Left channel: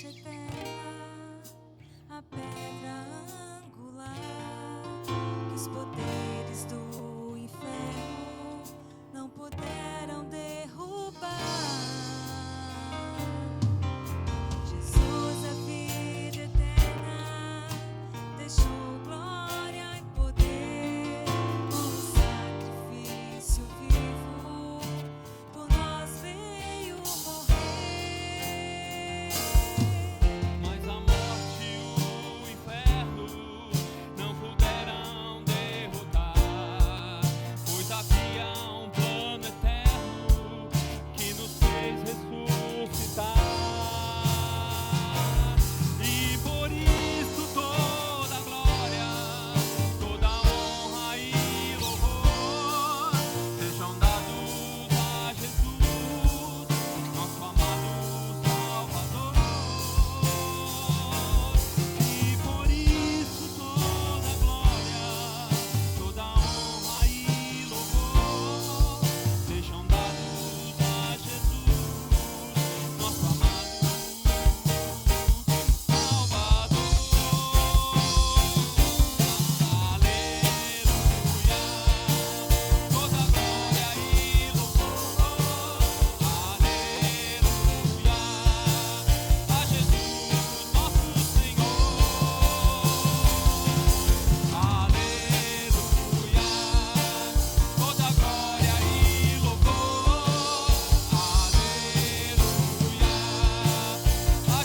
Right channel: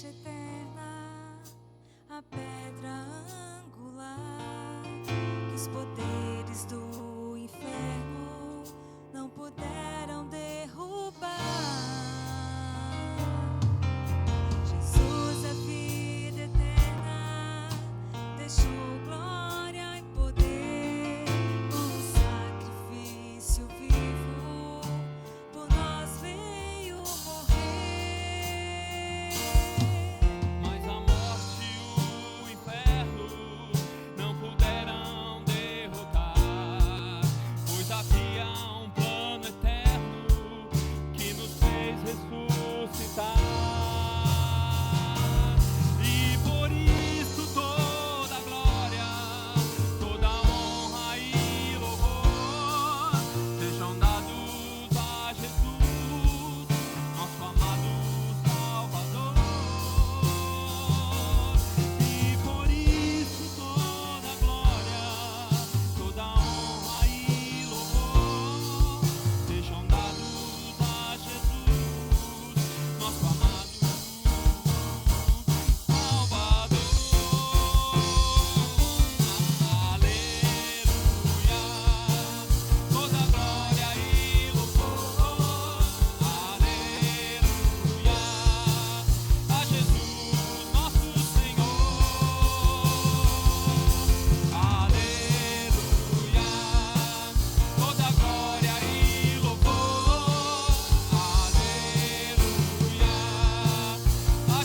rocha eterna, a pedra angular, que os poderes do inferno não puderam derrubar. Jesus, a vida eterna, deixou glória e poder, como sacrifício vivo, por nós veio morrer. Mas a morte e o inferno não puderam derrotar, pois havia um plano eterno que nos fez ressuscitar. E por isso toda a glória, toda a honra e louvor sejam dados a Jesus, nosso amado Salvador. E por isso toda a glória, toda a honra e louvor sejam dados a Jesus, nosso amado Salvador. Aleluia, toda a glória e louvor. Aleluia, a Jesus, nosso Senhor. Aleluia, toda a glória e louvor. Aleluia,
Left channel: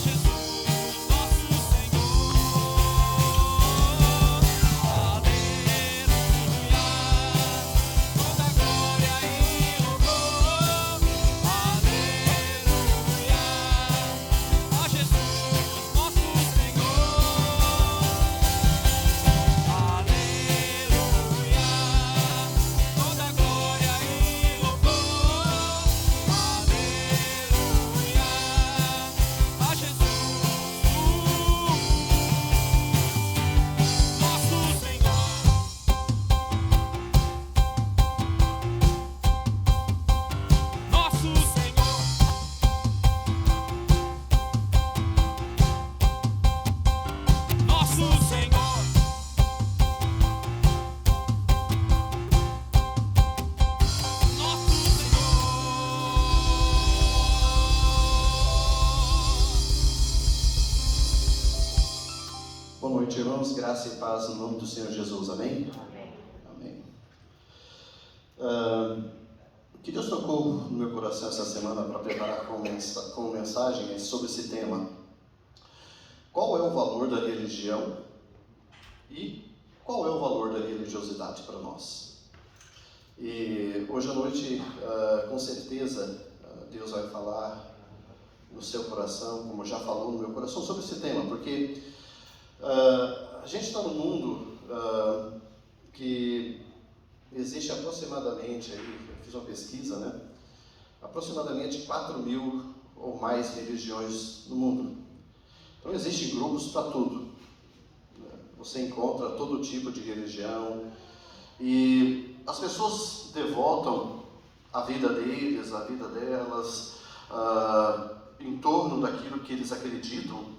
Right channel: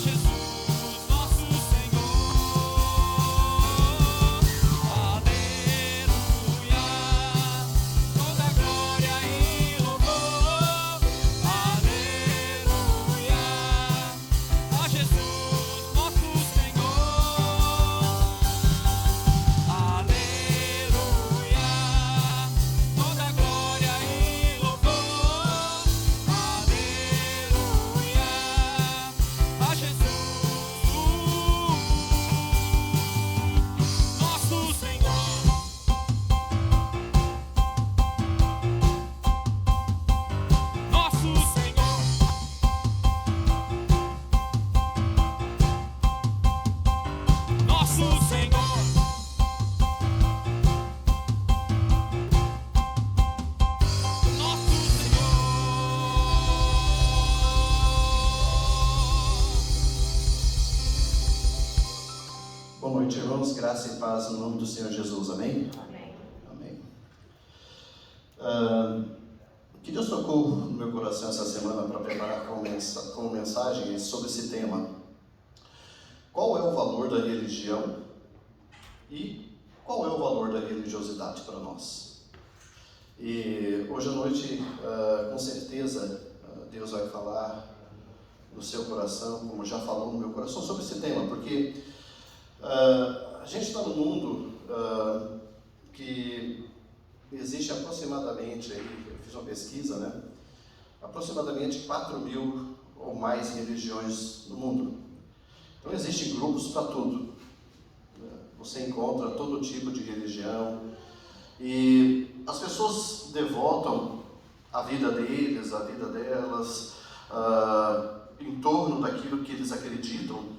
a Jesus, nosso Senhor. Aleluia, toda a glória e louvor. Aleluia, a Jesus, nosso Senhor. Aleluia, toda a glória e louvor. Aleluia, a Jesus, nosso Senhor. Nosso Senhor. Nosso Senhor. Nosso Senhor. Boa noite, irmãos. Graça e paz no nome do Senhor Jesus. Amém? Amém. O que Deus tocou no meu coração essa semana para preparar com mensagem é sobre esse tema. Qual é o valor da religião e qual é o valor da religiosidade para nós? E hoje à noite, com certeza, Deus vai falar no seu coração, como já falou no meu coração, sobre esse tema, porque a gente está num mundo que existe aproximadamente, aí, eu fiz uma pesquisa, né? Aproximadamente 4.000 ou mais religiões no mundo. Então existem grupos para tudo. Você encontra todo tipo de religião e as pessoas devotam a vida deles, a vida delas, em torno daquilo que eles acreditam,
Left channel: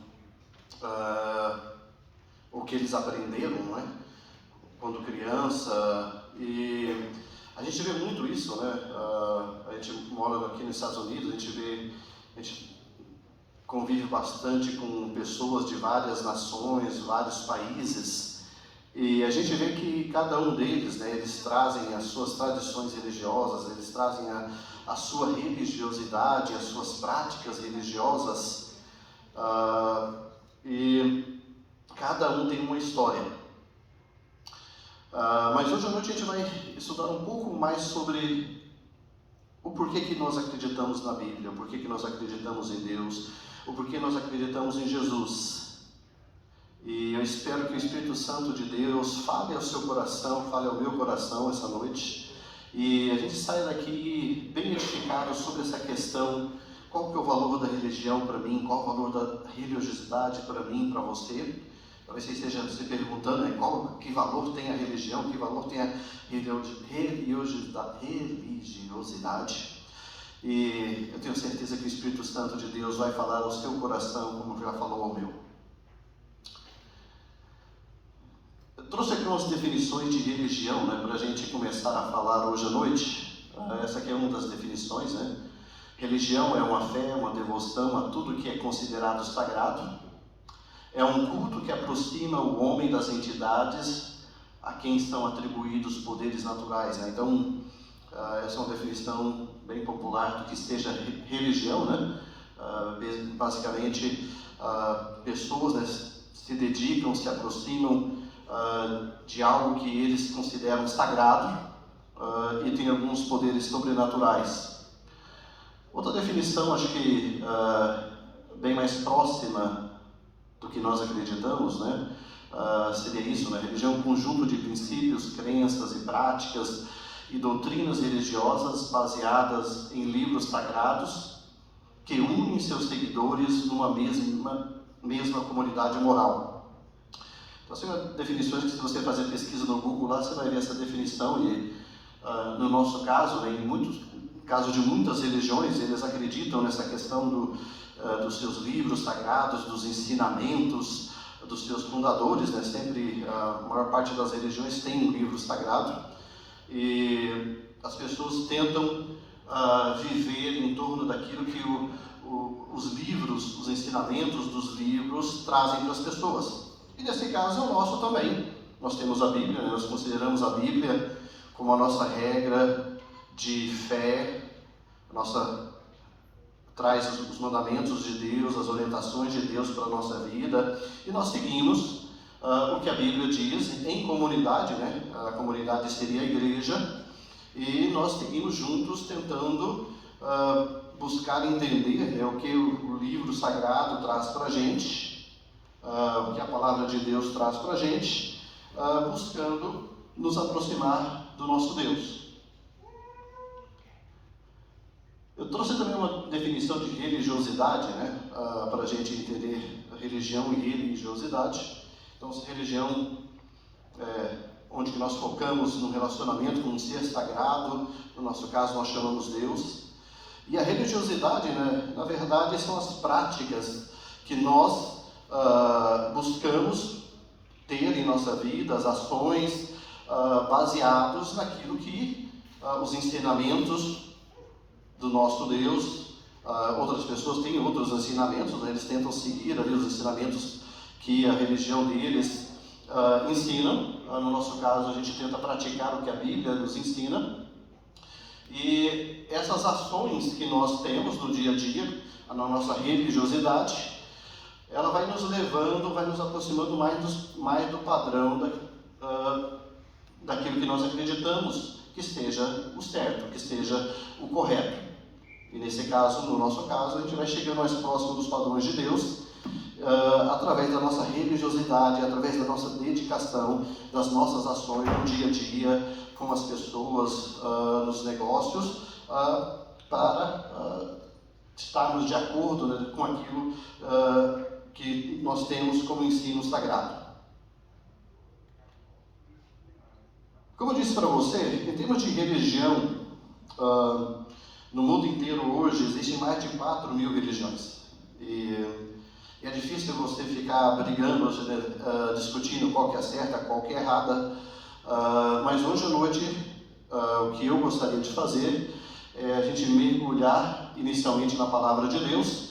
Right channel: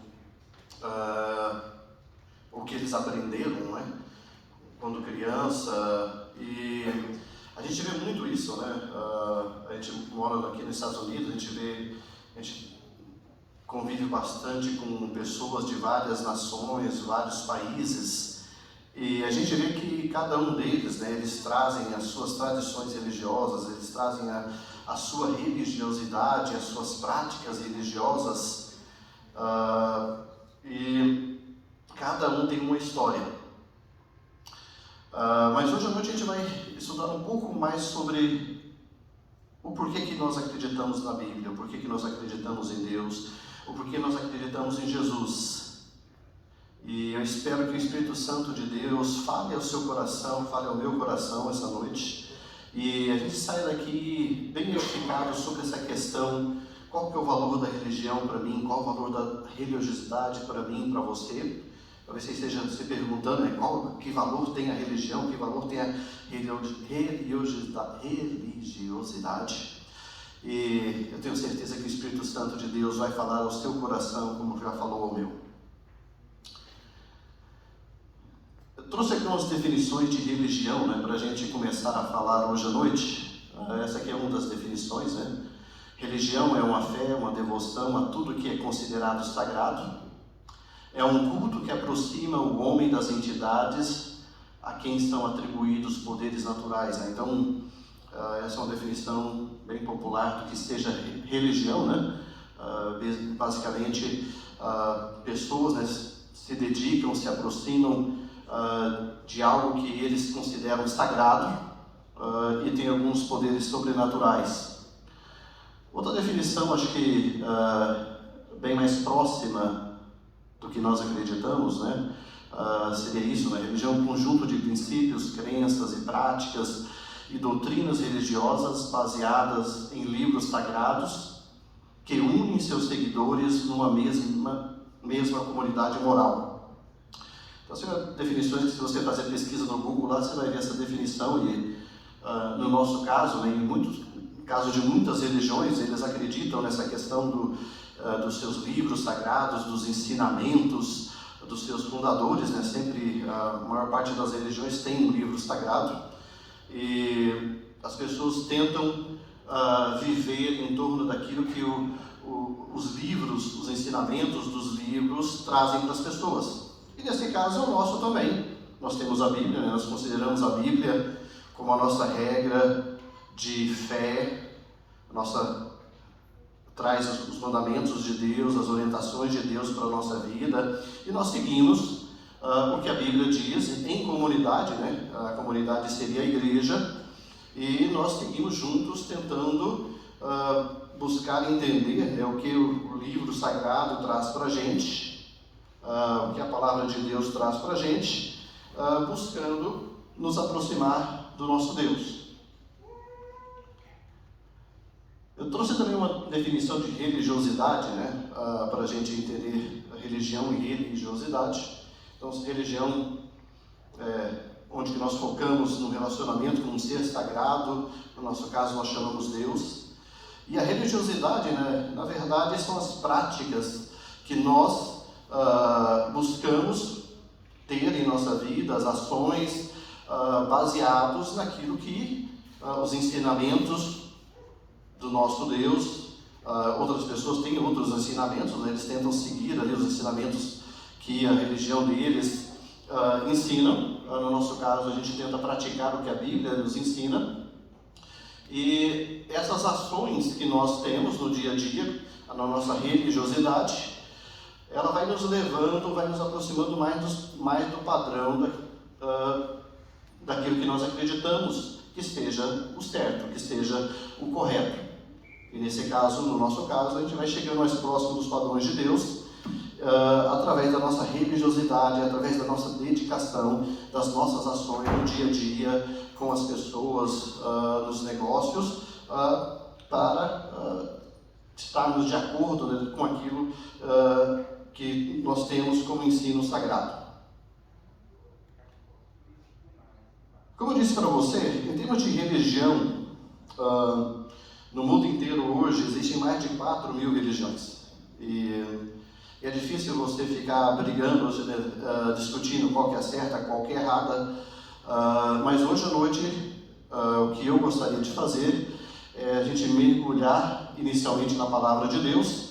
o que eles aprenderam, né? Quando criança. E a gente vê muito isso, né? A gente mora aqui nos Estados Unidos, a gente convive bastante com pessoas de várias nações, vários países, e a gente vê que cada um deles, né, eles trazem as suas tradições religiosas, eles trazem a sua religiosidade, as suas práticas religiosas, e cada um tem uma história. Mas hoje à noite a gente vai estudar um pouco mais sobre o porquê que nós acreditamos na Bíblia, o porquê que nós acreditamos em Deus, o porquê nós acreditamos em Jesus. E eu espero que o Espírito Santo de Deus fale ao seu coração, fale ao meu coração essa noite, e a gente sai daqui bem edificado sobre essa questão: qual que é o valor da religião para mim, qual o valor da religiosidade para mim, para você. Talvez você esteja se perguntando, né, que valor tem a religião, que valor tem a religiosidade. E eu tenho certeza que o Espírito Santo de Deus vai falar ao seu coração, como já religião é uma fé, uma devoção a tudo que é considerado sagrado. É um culto que aproxima o homem das entidades a quem estão atribuídos poderes naturais, né? Então, essa é uma definição bem popular do que seja religião, né? Basicamente, pessoas, né, se dedicam, se aproximam de algo que eles consideram sagrado e tem alguns poderes sobrenaturais. Outra definição, acho que bem mais próxima do que nós acreditamos, né? Seria isso, né? Religião é um conjunto de princípios, crenças e práticas e doutrinas religiosas baseadas em livros sagrados que unem seus seguidores numa mesma comunidade moral. Então, são definições que, se você fazer pesquisa no Google, lá você vai ver essa definição e, no nosso caso, né, em caso de muitas religiões, eles acreditam nessa questão dos seus livros sagrados, dos ensinamentos dos seus fundadores, né? Sempre, a maior parte das religiões tem um livro sagrado e as pessoas tentam viver em torno daquilo que os livros, os ensinamentos dos livros trazem para as pessoas. E nesse caso, o nosso também. Nós temos a Bíblia, né? Nós consideramos a Bíblia como a nossa regra de fé, traz os mandamentos de Deus, as orientações de Deus para a nossa vida, e nós seguimos o que a Bíblia diz em comunidade, né? A comunidade seria a igreja, e nós seguimos juntos tentando buscar entender o que o livro sagrado traz para a gente, o que a palavra de Deus traz para a gente, buscando nos aproximar do nosso Deus. Eu trouxe também uma definição de religiosidade, né, para a gente entender religião e religiosidade. Então, religião onde nós focamos no relacionamento com um ser sagrado, no nosso caso nós chamamos Deus. E a religiosidade, né, na verdade, são as práticas que nós buscamos ter em nossa vida, as ações baseadas naquilo que os ensinamentos do nosso Deus, outras pessoas têm outros ensinamentos, né? Eles tentam seguir ali os ensinamentos que a religião deles ensina. No nosso caso, a gente tenta praticar o que a Bíblia nos ensina. E essas ações que nós temos no dia a dia, na nossa religiosidade, ela vai nos levando, vai nos aproximando mais do padrão daquilo que nós acreditamos que seja o certo, que seja o correto. E nesse caso, no nosso caso, a gente vai chegando mais próximo dos padrões de Deus, através da nossa religiosidade, através da nossa dedicação, das nossas ações no dia a dia, com as pessoas, nos negócios, para estarmos de acordo, né, com aquilo que nós temos como ensino sagrado. Como eu disse para você, em termos de religião, no mundo inteiro hoje existem mais de 4.000 religiões. E é difícil você ficar brigando, discutindo qual que é certa, qual que é errada. Mas hoje à noite, o que eu gostaria de fazer é a gente mergulhar inicialmente na palavra de Deus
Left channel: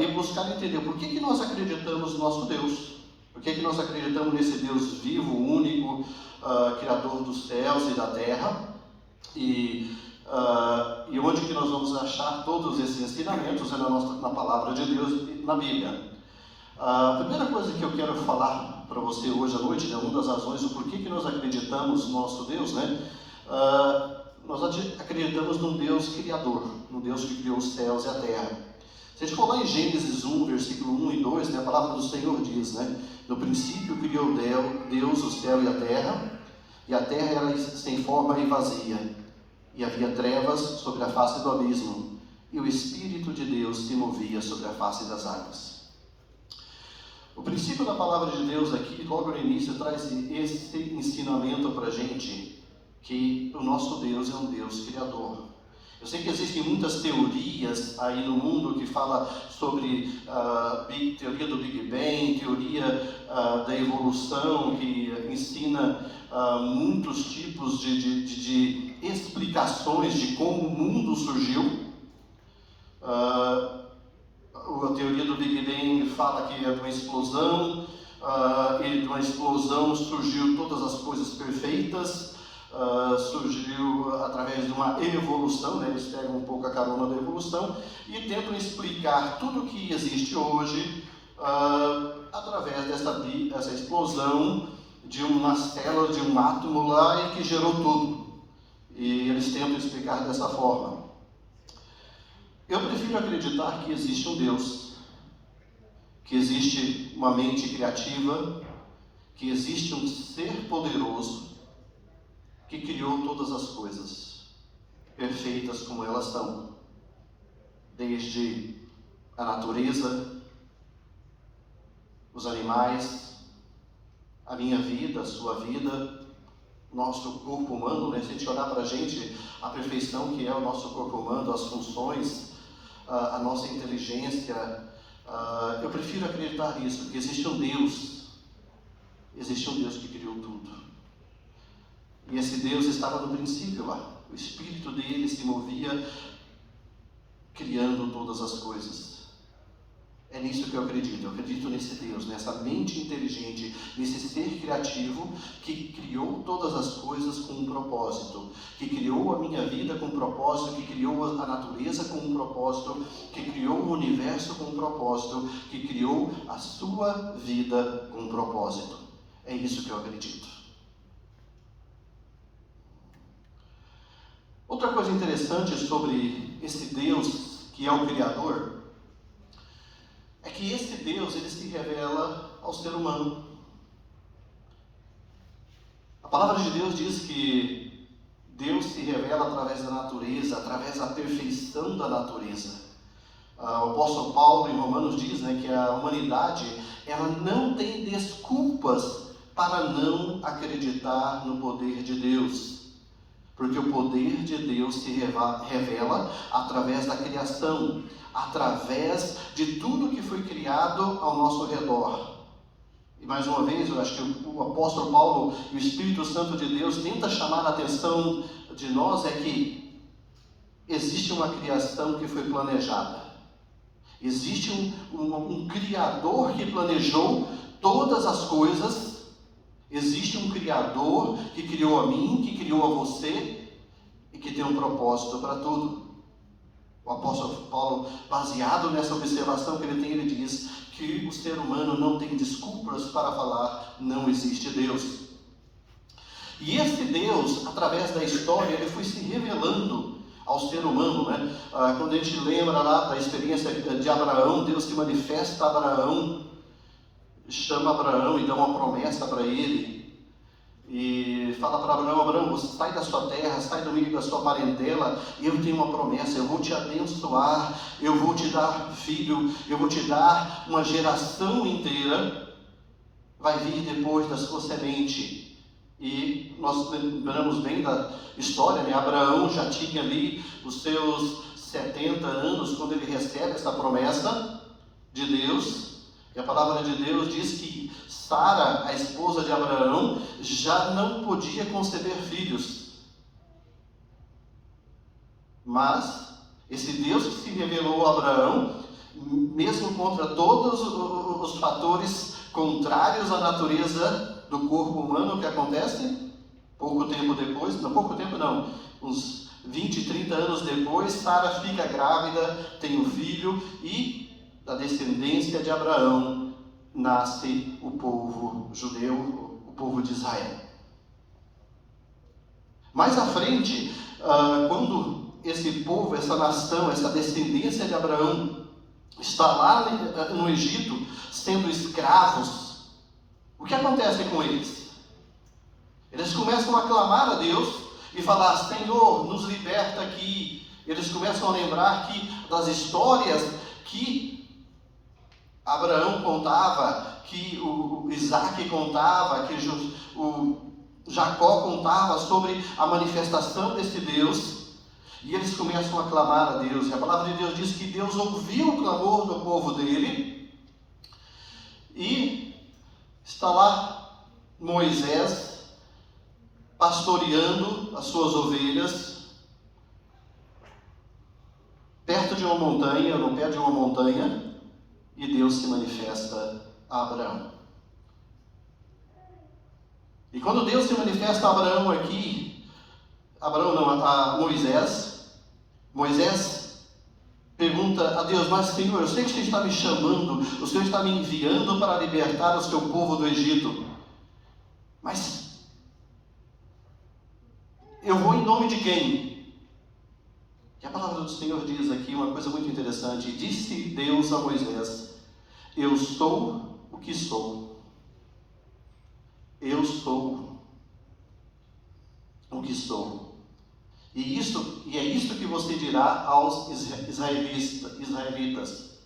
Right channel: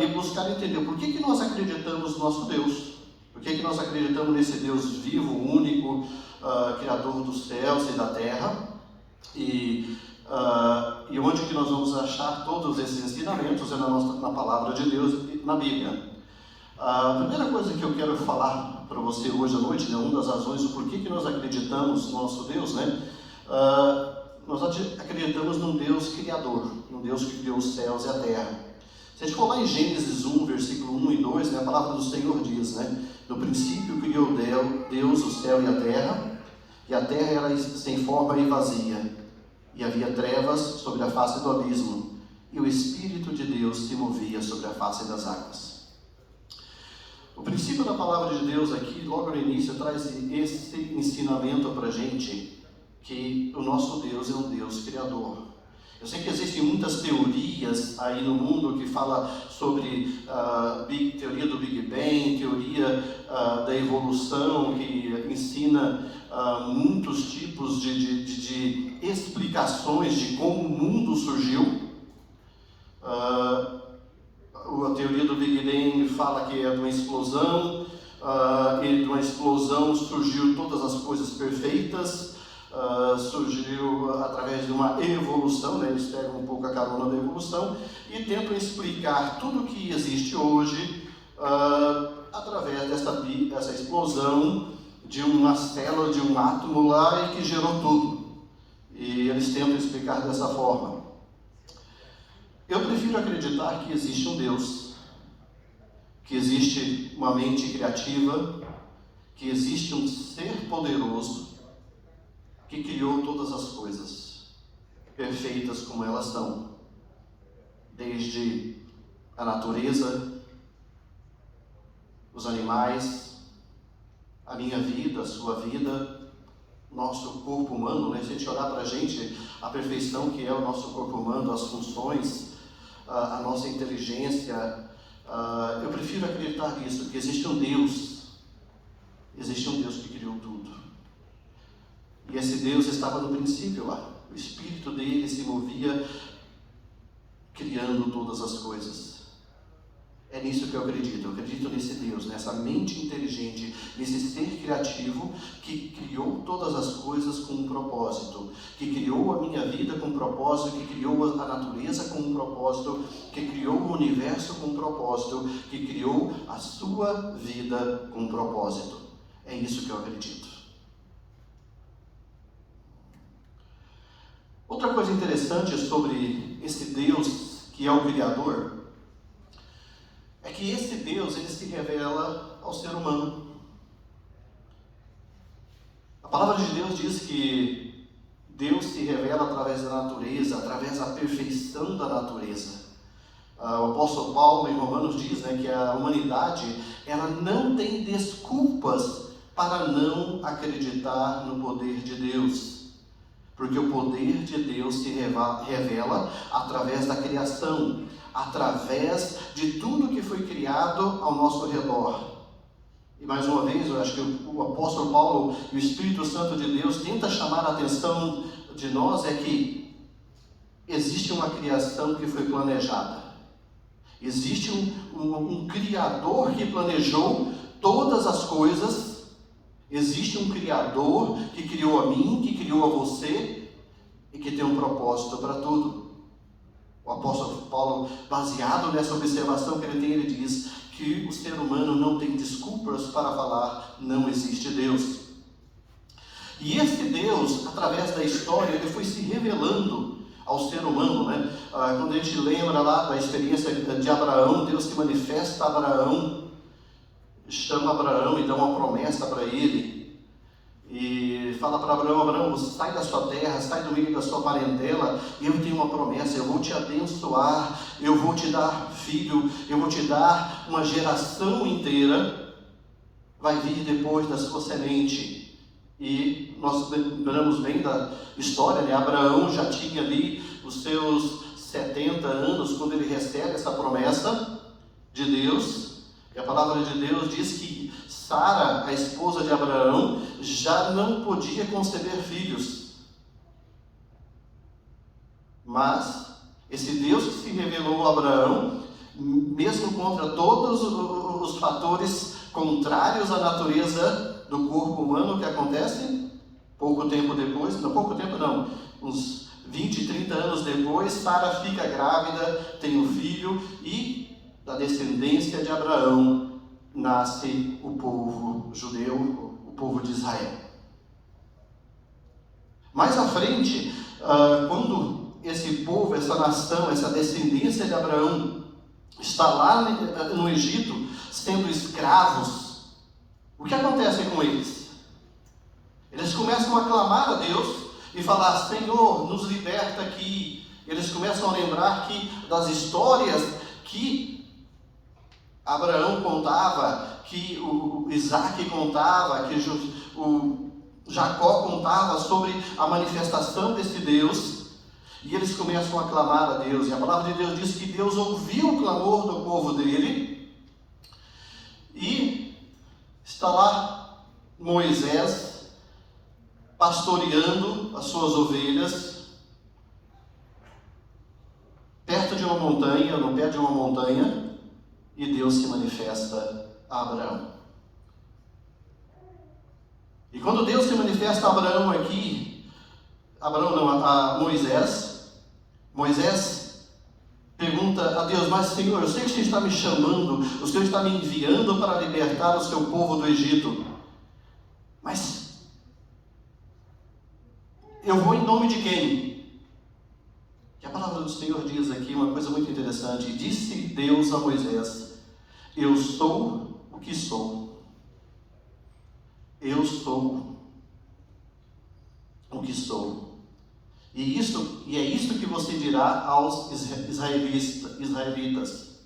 e buscar entender por que nós acreditamos no nosso Deus, por que nós acreditamos nesse Deus vivo, único, Criador dos céus e da terra, e onde que nós vamos achar todos esses ensinamentos na palavra de Deus e na Bíblia. A primeira coisa que eu quero falar para você hoje à noite, é uma das razões do porquê que nós acreditamos no nosso Deus, né? Nós acreditamos num Deus criador, um Deus que criou os céus e a terra. Se a gente for lá em Gênesis 1, versículo 1 e 2, né, a palavra do Senhor diz, né? No princípio criou Deus o céu e a terra era sem forma e vazia, e havia trevas sobre a face do abismo, e o Espírito de Deus se movia sobre a face das águas. O princípio da palavra de Deus aqui, logo no início, traz esse ensinamento para a gente, que o nosso Deus é um Deus criador. Eu sei que existem muitas teorias aí no mundo que falam sobre teoria do Big Bang, teoria da evolução, que ensina muitos tipos de explicações de como o mundo surgiu. fala que é de uma explosão, e de uma explosão surgiu todas as coisas perfeitas, surgiu através de uma evolução, né? Eles pegam um pouco a carona da evolução e tentam explicar tudo o que existe hoje através dessa explosão de uma célula, de um átomo lá e que gerou tudo. E eles tentam explicar dessa forma. Eu prefiro acreditar que existe um Deus, que existe uma mente criativa, que existe um ser poderoso que criou todas as coisas perfeitas como elas são, desde a natureza, os animais, a minha vida, a sua vida, nosso corpo humano, né? Se a gente olhar para a gente, a perfeição que é o nosso corpo humano, as funções, a nossa inteligência, eu prefiro acreditar nisso, que existe um Deus que criou tudo. E esse Deus estava no princípio lá, o Espírito dele se movia criando todas as coisas. É nisso que eu acredito nesse Deus, nessa mente inteligente, nesse ser criativo que criou todas as coisas com um propósito, que criou a minha vida com um propósito, que criou a natureza com um propósito, que criou o universo com um propósito, que criou a sua vida com um propósito. É nisso que eu acredito. Outra coisa interessante sobre esse Deus que é o Criador é que esse Deus, ele se revela ao ser humano. A palavra de Deus diz que Deus se revela através da natureza, através da perfeição da natureza. O apóstolo Paulo em Romanos diz, né, que a humanidade ela não tem desculpas para não acreditar no poder de Deus. Porque o poder de Deus se revela através da criação, através de tudo que foi criado ao nosso redor. E mais uma vez, eu acho que o apóstolo Paulo e o Espírito Santo de Deus tenta chamar a atenção de nós é que existe uma criação que foi planejada. Existe um Criador que planejou todas as coisas. Existe um Criador que criou a mim, que criou a você e que tem um propósito para tudo. O apóstolo Paulo, baseado nessa observação que ele tem, ele diz que o ser humano não tem desculpas para falar não existe Deus. E esse Deus, através da história, ele foi se revelando ao ser humano, né? Quando a gente lembra lá da experiência de Abraão, Deus se manifesta a Abraão, chama Abraão e dá uma promessa para ele e fala para Abraão, sai da sua terra, sai do meio da sua parentela, eu tenho uma promessa, eu vou te abençoar, eu vou te dar filho, eu vou te dar uma geração inteira, vai vir depois da sua semente. E nós lembramos bem da história, né? Abraão já tinha ali os seus 70 anos quando ele recebe essa promessa de Deus. E a palavra de Deus diz que Sara, a esposa de Abraão, já não podia conceber filhos. Mas esse Deus que se revelou a Abraão, mesmo contra todos os fatores contrários à natureza do corpo humano que acontecem, pouco tempo depois, uns 20, 30 anos depois, Sara fica grávida, tem um filho e da descendência de Abraão nasce o povo judeu, o povo de Israel. Mais à frente, quando esse povo, essa nação, essa descendência de Abraão está lá no Egito, sendo escravos, o que acontece com eles? Eles começam a clamar a Deus e falar, Senhor, nos liberta aqui. Eles começam a lembrar das histórias que Abraão contava, que o Isaac contava, que o Jacó contava sobre a manifestação desse Deus, e eles começam a clamar a Deus, e a palavra de Deus diz que Deus ouviu o clamor do povo dele, e está lá Moisés pastoreando as suas ovelhas, perto de uma montanha, e Deus se manifesta a Abraão. E quando Deus se manifesta a Abraão aqui, a Moisés pergunta a Deus: mas Senhor, eu sei que o Senhor está me chamando, o Senhor está me enviando para libertar o seu povo do Egito, mas eu vou em nome de quem? E a palavra do Senhor diz aqui uma coisa muito interessante: disse Deus a Moisés: eu sou o que sou. Eu sou o que sou. E é isto que você dirá aos israelitas:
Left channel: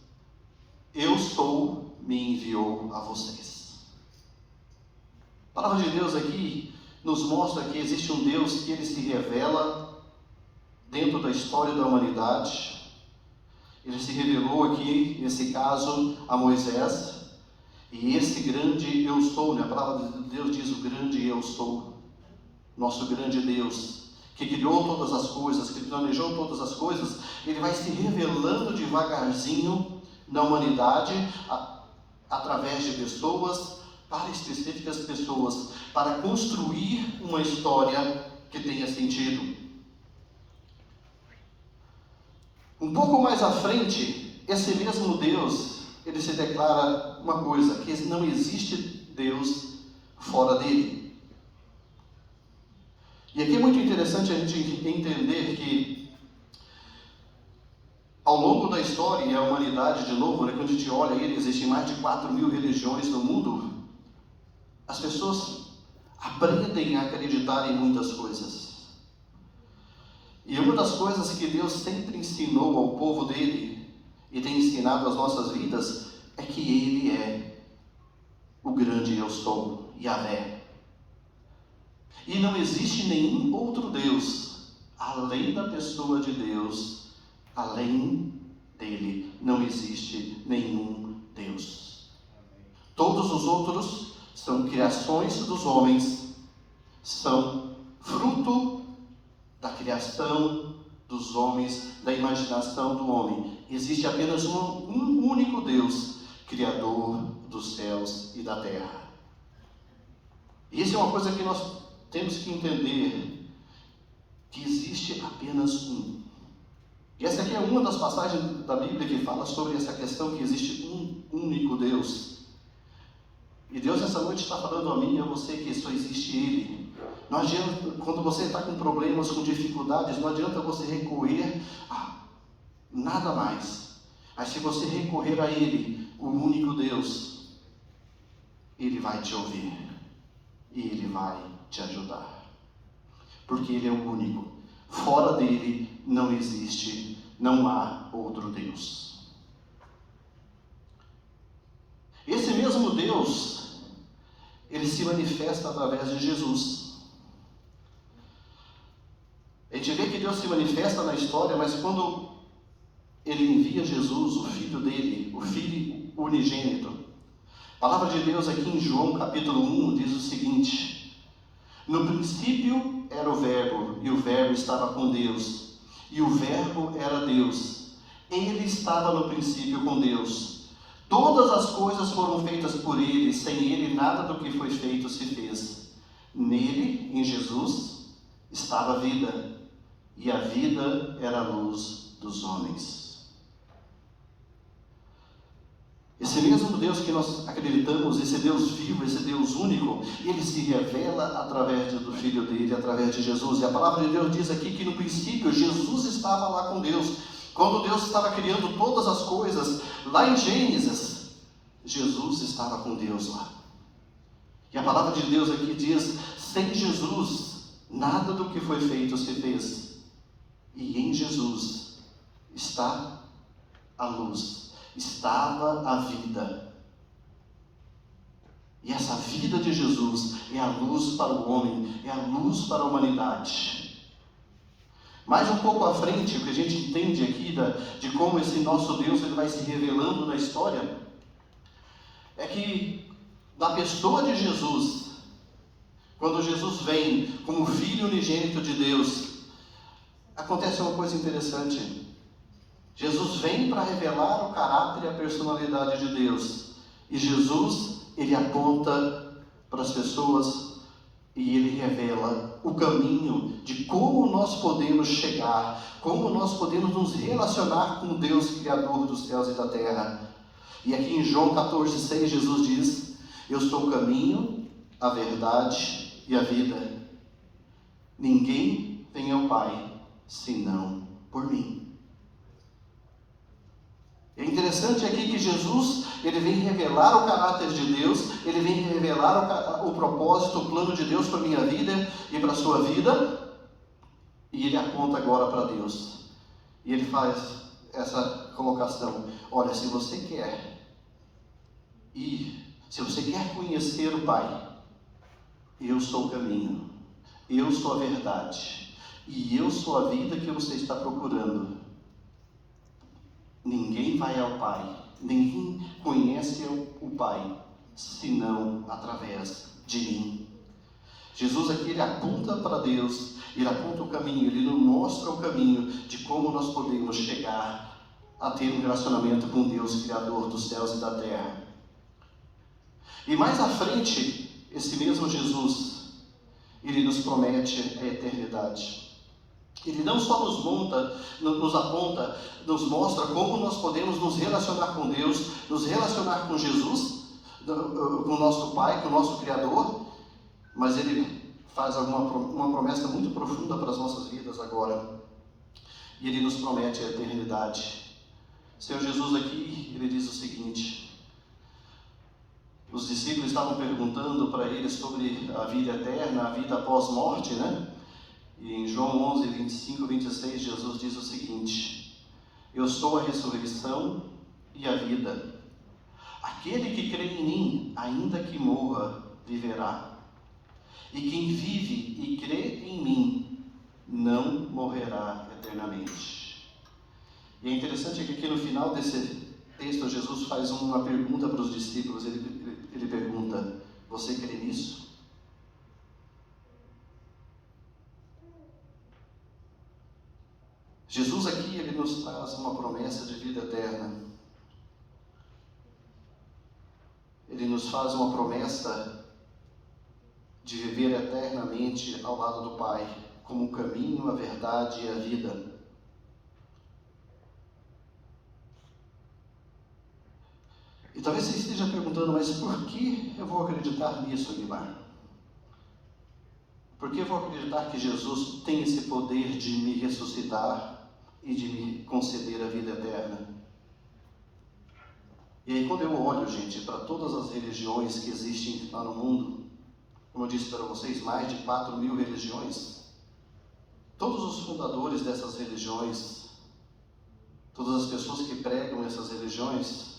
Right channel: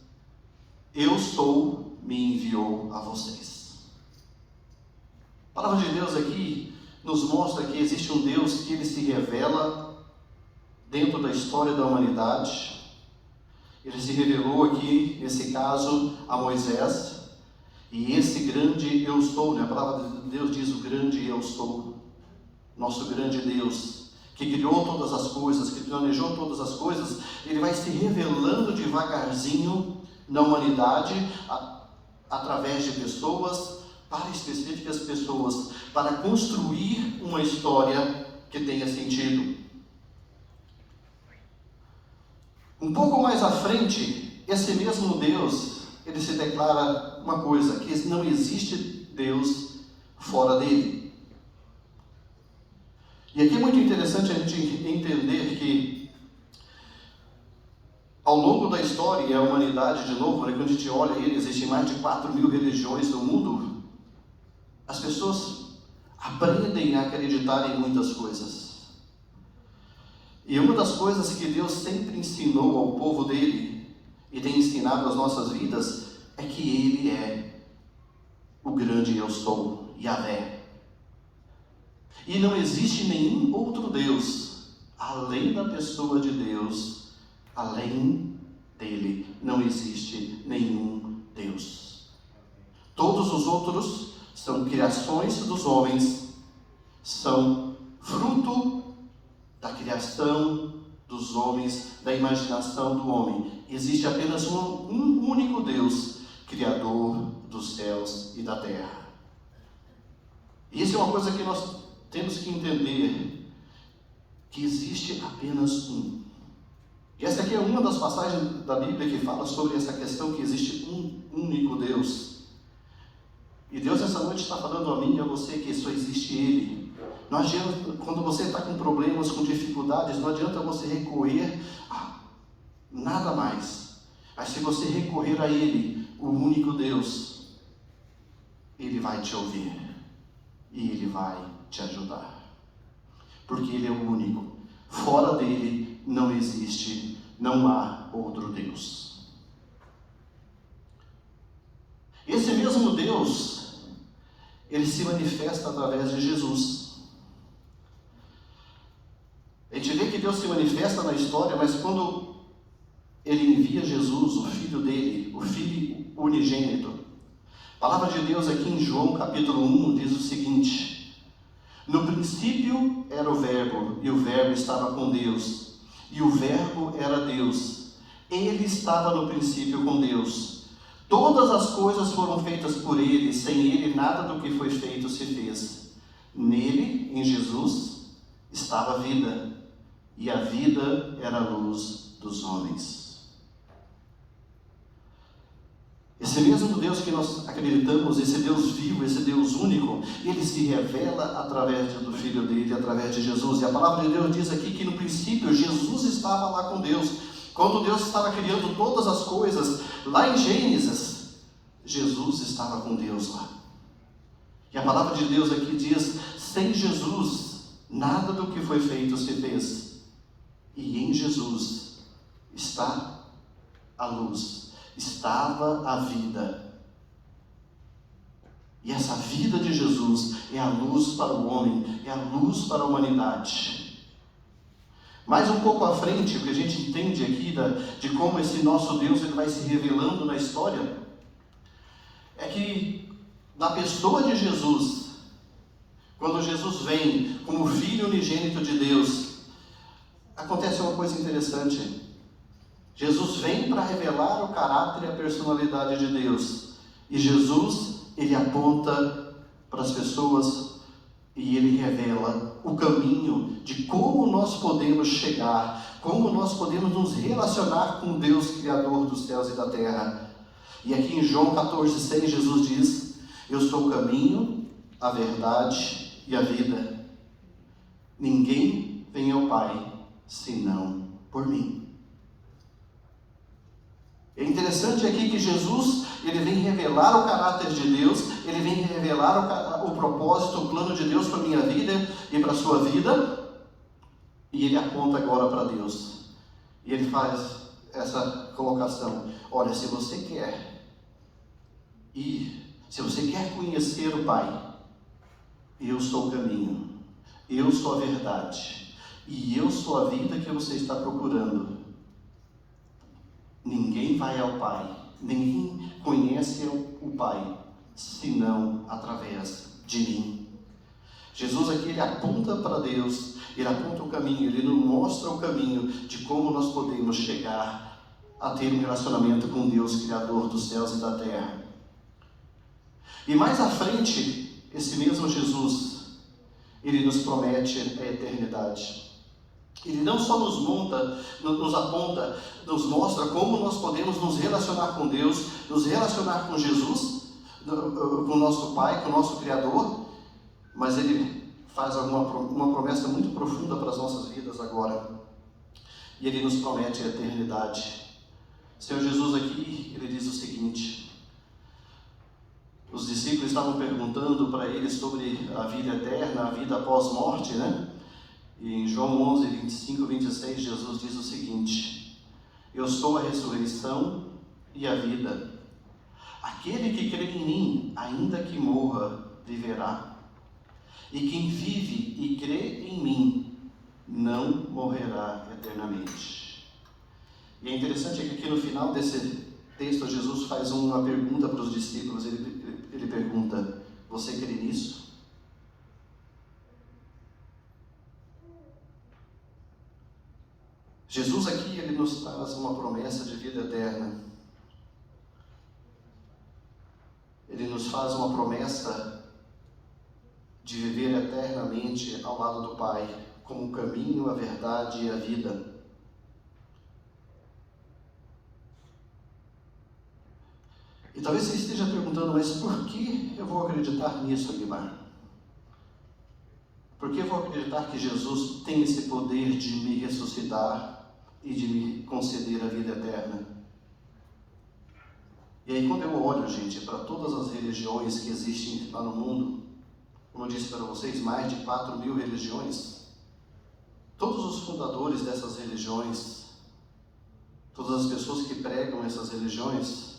eu sou, me enviou a vocês. A palavra de Deus aqui nos mostra que existe um Deus que ele se revela dentro da história da humanidade. Ele se revelou aqui, nesse caso, a Moisés. E esse grande eu sou, né? A palavra de Deus diz: o grande eu sou, nosso grande Deus, que criou todas as coisas, que planejou todas as coisas, ele vai se revelando devagarzinho na humanidade, através de pessoas, para específicas pessoas, para construir uma história que tenha sentido. Um pouco mais à frente, esse mesmo Deus, ele se declara uma coisa: que não existe Deus fora dele. E aqui é muito interessante a gente entender que, ao longo da história e a humanidade, de novo, quando a gente olha ele, existem mais de 4.000 religiões no mundo. As pessoas aprendem a acreditar em muitas coisas. E uma das coisas que Deus sempre ensinou ao povo dele, e tem ensinado às nossas vidas, é que ele é o grande eu sou, Yahvé. E não existe nenhum outro Deus, além da pessoa de Deus, além dele, não existe nenhum Deus. Todos os outros são criações dos homens, são fruto da criação dos homens, da imaginação do homem. Existe apenas um único Deus, Criador dos céus e da terra. E isso é uma coisa que nós temos que entender, que existe apenas um. E essa aqui é uma das passagens da Bíblia que fala sobre essa questão, que existe um único Deus. E Deus essa noite está falando a mim e a você que só existe Ele. Não adianta, quando você está com problemas, com dificuldades, não adianta você recorrer a nada mais. Mas se você recorrer a Ele, o único Deus, Ele vai te ouvir e Ele vai te ajudar, porque Ele é o único. Fora dele não existe, não há outro Deus. Esse mesmo Deus, ele se manifesta através de Jesus. A gente vê que Deus se manifesta na história, mas quando ele envia Jesus, o Filho dele, o Filho unigênito, a palavra de Deus aqui em João capítulo 1 diz o seguinte: no princípio era o Verbo, e o Verbo estava com Deus, e o Verbo era Deus. Ele estava no princípio com Deus. Todas as coisas foram feitas por Ele, sem Ele nada do que foi feito se fez. Nele, em Jesus, estava a vida, e a vida era a luz dos homens. Esse mesmo Deus que nós acreditamos, esse Deus vivo, esse Deus único, ele se revela através do Filho dele, através de Jesus. E a palavra de Deus diz aqui que no princípio Jesus estava lá com Deus. Quando Deus estava criando todas as coisas, lá em Gênesis, Jesus estava com Deus lá. E a palavra de Deus aqui diz: sem Jesus, nada do que foi feito se fez. E em Jesus está a luz. Estava a vida. E essa vida de Jesus é a luz para o homem, é a luz para a humanidade. Mais um pouco à frente, o que a gente entende aqui de como esse nosso Deus ele vai se revelando na história, é que na pessoa de Jesus, quando Jesus vem como Filho unigênito de Deus, acontece uma coisa interessante. Jesus vem para revelar o caráter e a personalidade de Deus. E Jesus, ele aponta para as pessoas e ele revela o caminho de como nós podemos chegar, como nós podemos nos relacionar com Deus, Criador dos céus e da terra. E aqui em João 14,6, Jesus diz: eu sou o caminho, a verdade e a vida. Ninguém vem ao Pai senão por mim. É interessante aqui que Jesus, ele vem revelar o caráter de Deus, ele vem revelar o propósito, o plano de Deus para a minha vida e para a sua vida, e ele aponta agora para Deus. E ele faz essa colocação: olha, se você quer ir, se você quer conhecer o Pai, eu sou o caminho, eu sou a verdade, e eu sou a vida que você está procurando. Ninguém vai ao Pai, ninguém conhece o Pai, senão através de mim. Jesus aqui, ele aponta para Deus, ele aponta o caminho, ele nos mostra o caminho de como nós podemos chegar a ter um relacionamento com Deus, Criador dos céus e da terra. E mais à frente, esse mesmo Jesus, ele nos promete a eternidade. Ele não só nos aponta, nos mostra como nós podemos nos relacionar com Deus, nos relacionar com Jesus, com o nosso Pai, com o nosso Criador, mas ele faz uma promessa muito profunda para as nossas vidas agora. E ele nos promete a eternidade. O Senhor Jesus aqui, ele diz o seguinte: os discípulos estavam perguntando para ele sobre a vida eterna, a vida após morte, né? E em João 11, 25, 26, Jesus diz o seguinte: eu sou a ressurreição e a vida. Aquele que crê em mim, ainda que morra, viverá. E quem vive e crê em mim, não morrerá eternamente. E é interessante que aqui no final desse texto, Jesus faz uma pergunta para os discípulos. Ele pergunta: você crê nisso? Jesus aqui, ele nos faz uma promessa de vida eterna. Ele nos faz uma promessa de viver eternamente ao lado do Pai, como o caminho, a verdade e a vida. E talvez você esteja perguntando: mas por que eu vou acreditar nisso, Guilherme? Por que eu vou acreditar que Jesus tem esse poder de me ressuscitar e de me conceder a vida eterna? E aí, quando eu olho, gente, para todas as religiões que existem lá no mundo, como eu disse para vocês, mais de 4.000 religiões, todos os fundadores dessas religiões, todas as pessoas que pregam essas religiões,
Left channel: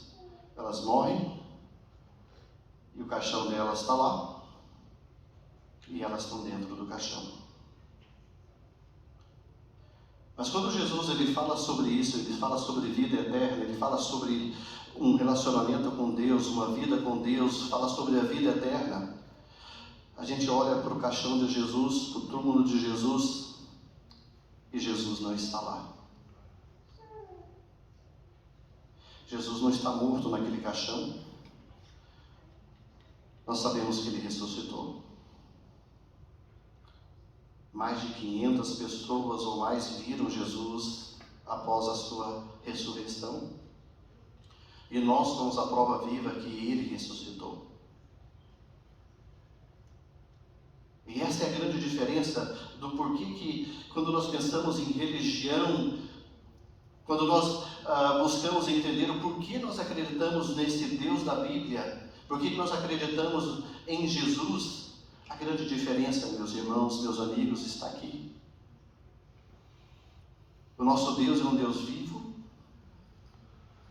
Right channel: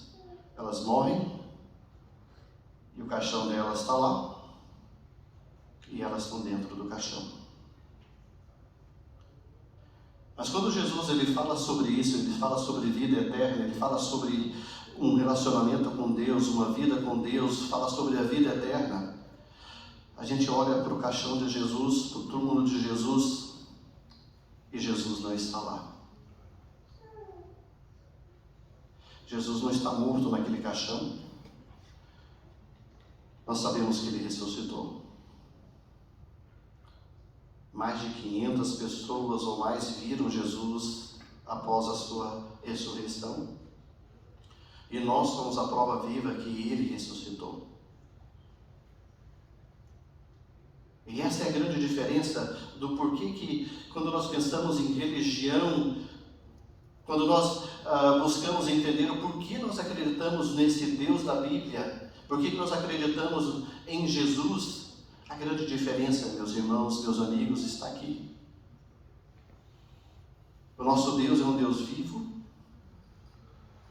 elas morrem e o caixão delas está lá e elas estão dentro do caixão. Mas quando Jesus, ele fala sobre isso, ele fala sobre vida eterna, ele fala sobre um relacionamento com Deus, uma vida com Deus, fala sobre a vida eterna, a gente olha para o caixão de Jesus, para o túmulo de Jesus, e Jesus não está lá. Jesus não está morto naquele caixão. Nós sabemos que ele ressuscitou. Mais de 500 pessoas ou mais viram Jesus após a sua ressurreição. E nós somos a prova viva que ele ressuscitou. E essa é a grande diferença do porquê que, quando nós pensamos em religião, quando nós buscamos entender o porquê nós acreditamos nesse Deus da Bíblia, porquê nós acreditamos em Jesus, a grande diferença, meus irmãos, meus amigos, está aqui. O nosso Deus é um Deus vivo,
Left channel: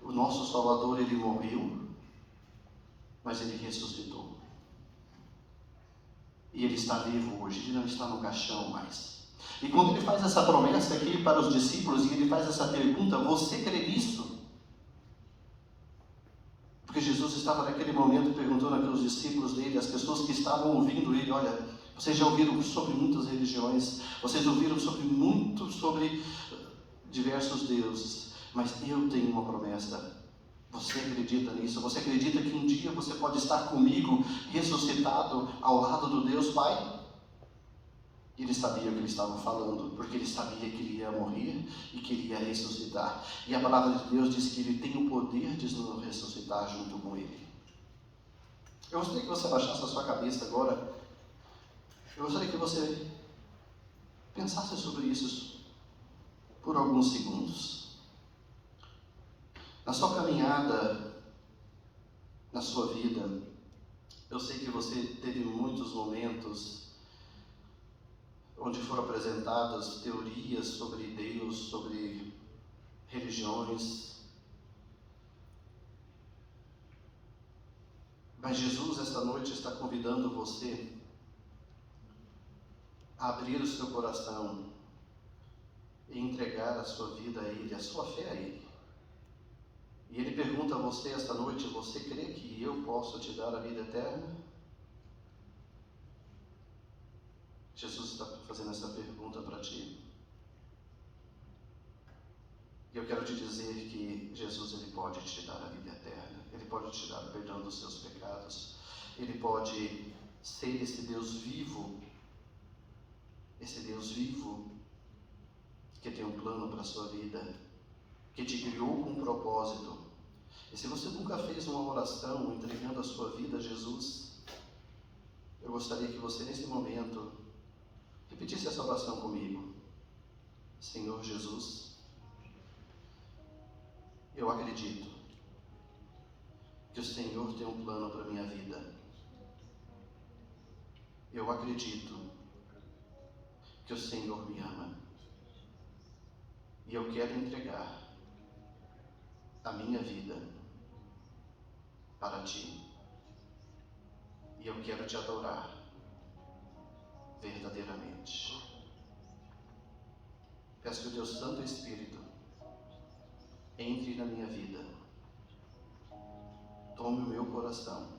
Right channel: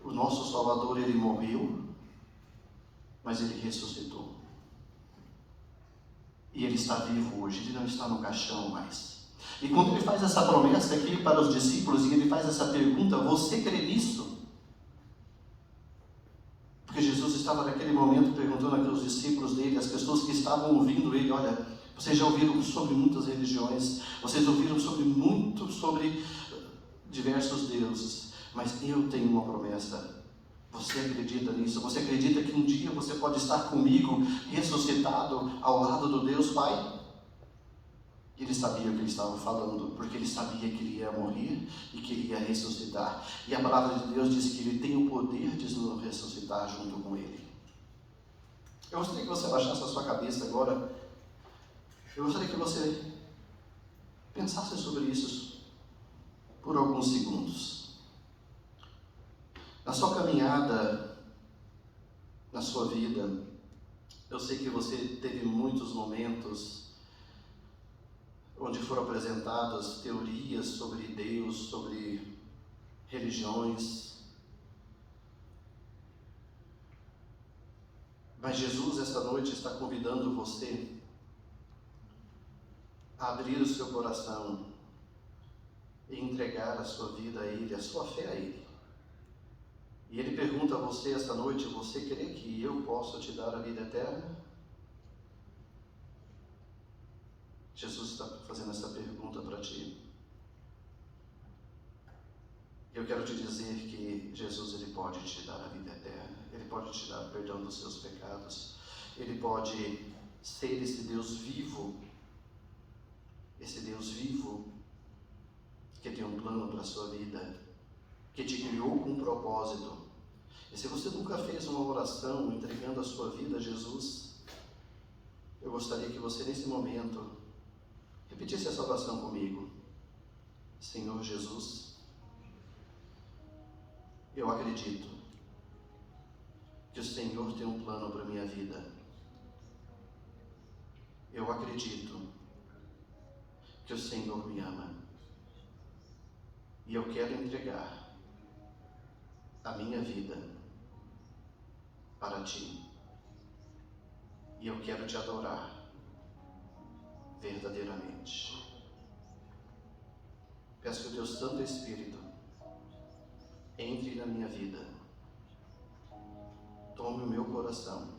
o nosso Salvador, ele morreu, mas ele ressuscitou. E ele está vivo hoje, ele não está no caixão mais. E quando ele faz essa promessa aqui para os discípulos, e ele faz essa pergunta: você crê nisso? Porque Jesus estava naquele momento perguntando aqueles discípulos dele, as pessoas que estavam ouvindo ele: olha, vocês já ouviram sobre muitas religiões, vocês ouviram sobre diversos deuses, mas eu tenho uma promessa Você acredita nisso? Você acredita que um dia você pode estar comigo, ressuscitado ao lado do Deus Pai? Ele sabia o que ele estava falando, porque ele sabia que ele ia morrer e que ele ia ressuscitar. E a palavra de Deus diz que ele tem o poder de nos ressuscitar junto com ele. Eu gostaria que você baixasse a sua cabeça agora. Eu gostaria que você pensasse sobre isso por alguns segundos. Na sua caminhada, na sua vida, eu sei que você teve muitos momentos onde foram apresentadas teorias sobre Deus, sobre religiões. Mas Jesus, essa noite, está convidando você a abrir o seu coração e entregar a sua vida a Ele, a sua fé a Ele. E Ele pergunta a você esta noite: você crê que eu posso te dar a vida eterna? Jesus está fazendo essa pergunta para ti. E eu quero te dizer que Jesus, Ele pode te dar a vida eterna. Ele pode te dar perdão dos seus pecados. Ele pode ser esse Deus vivo que tem um plano para a sua vida, que te criou com um propósito. E se você nunca fez uma oração entregando a sua vida a Jesus, eu gostaria que você nesse momento repetisse essa oração comigo. Senhor Jesus, eu acredito que o Senhor tem um plano para a minha vida. Eu acredito que o Senhor me ama. E eu quero entregar a minha vida para Ti. E eu quero Te adorar verdadeiramente. Peço que o Teu Santo Espírito entre na minha vida. Tome o meu coração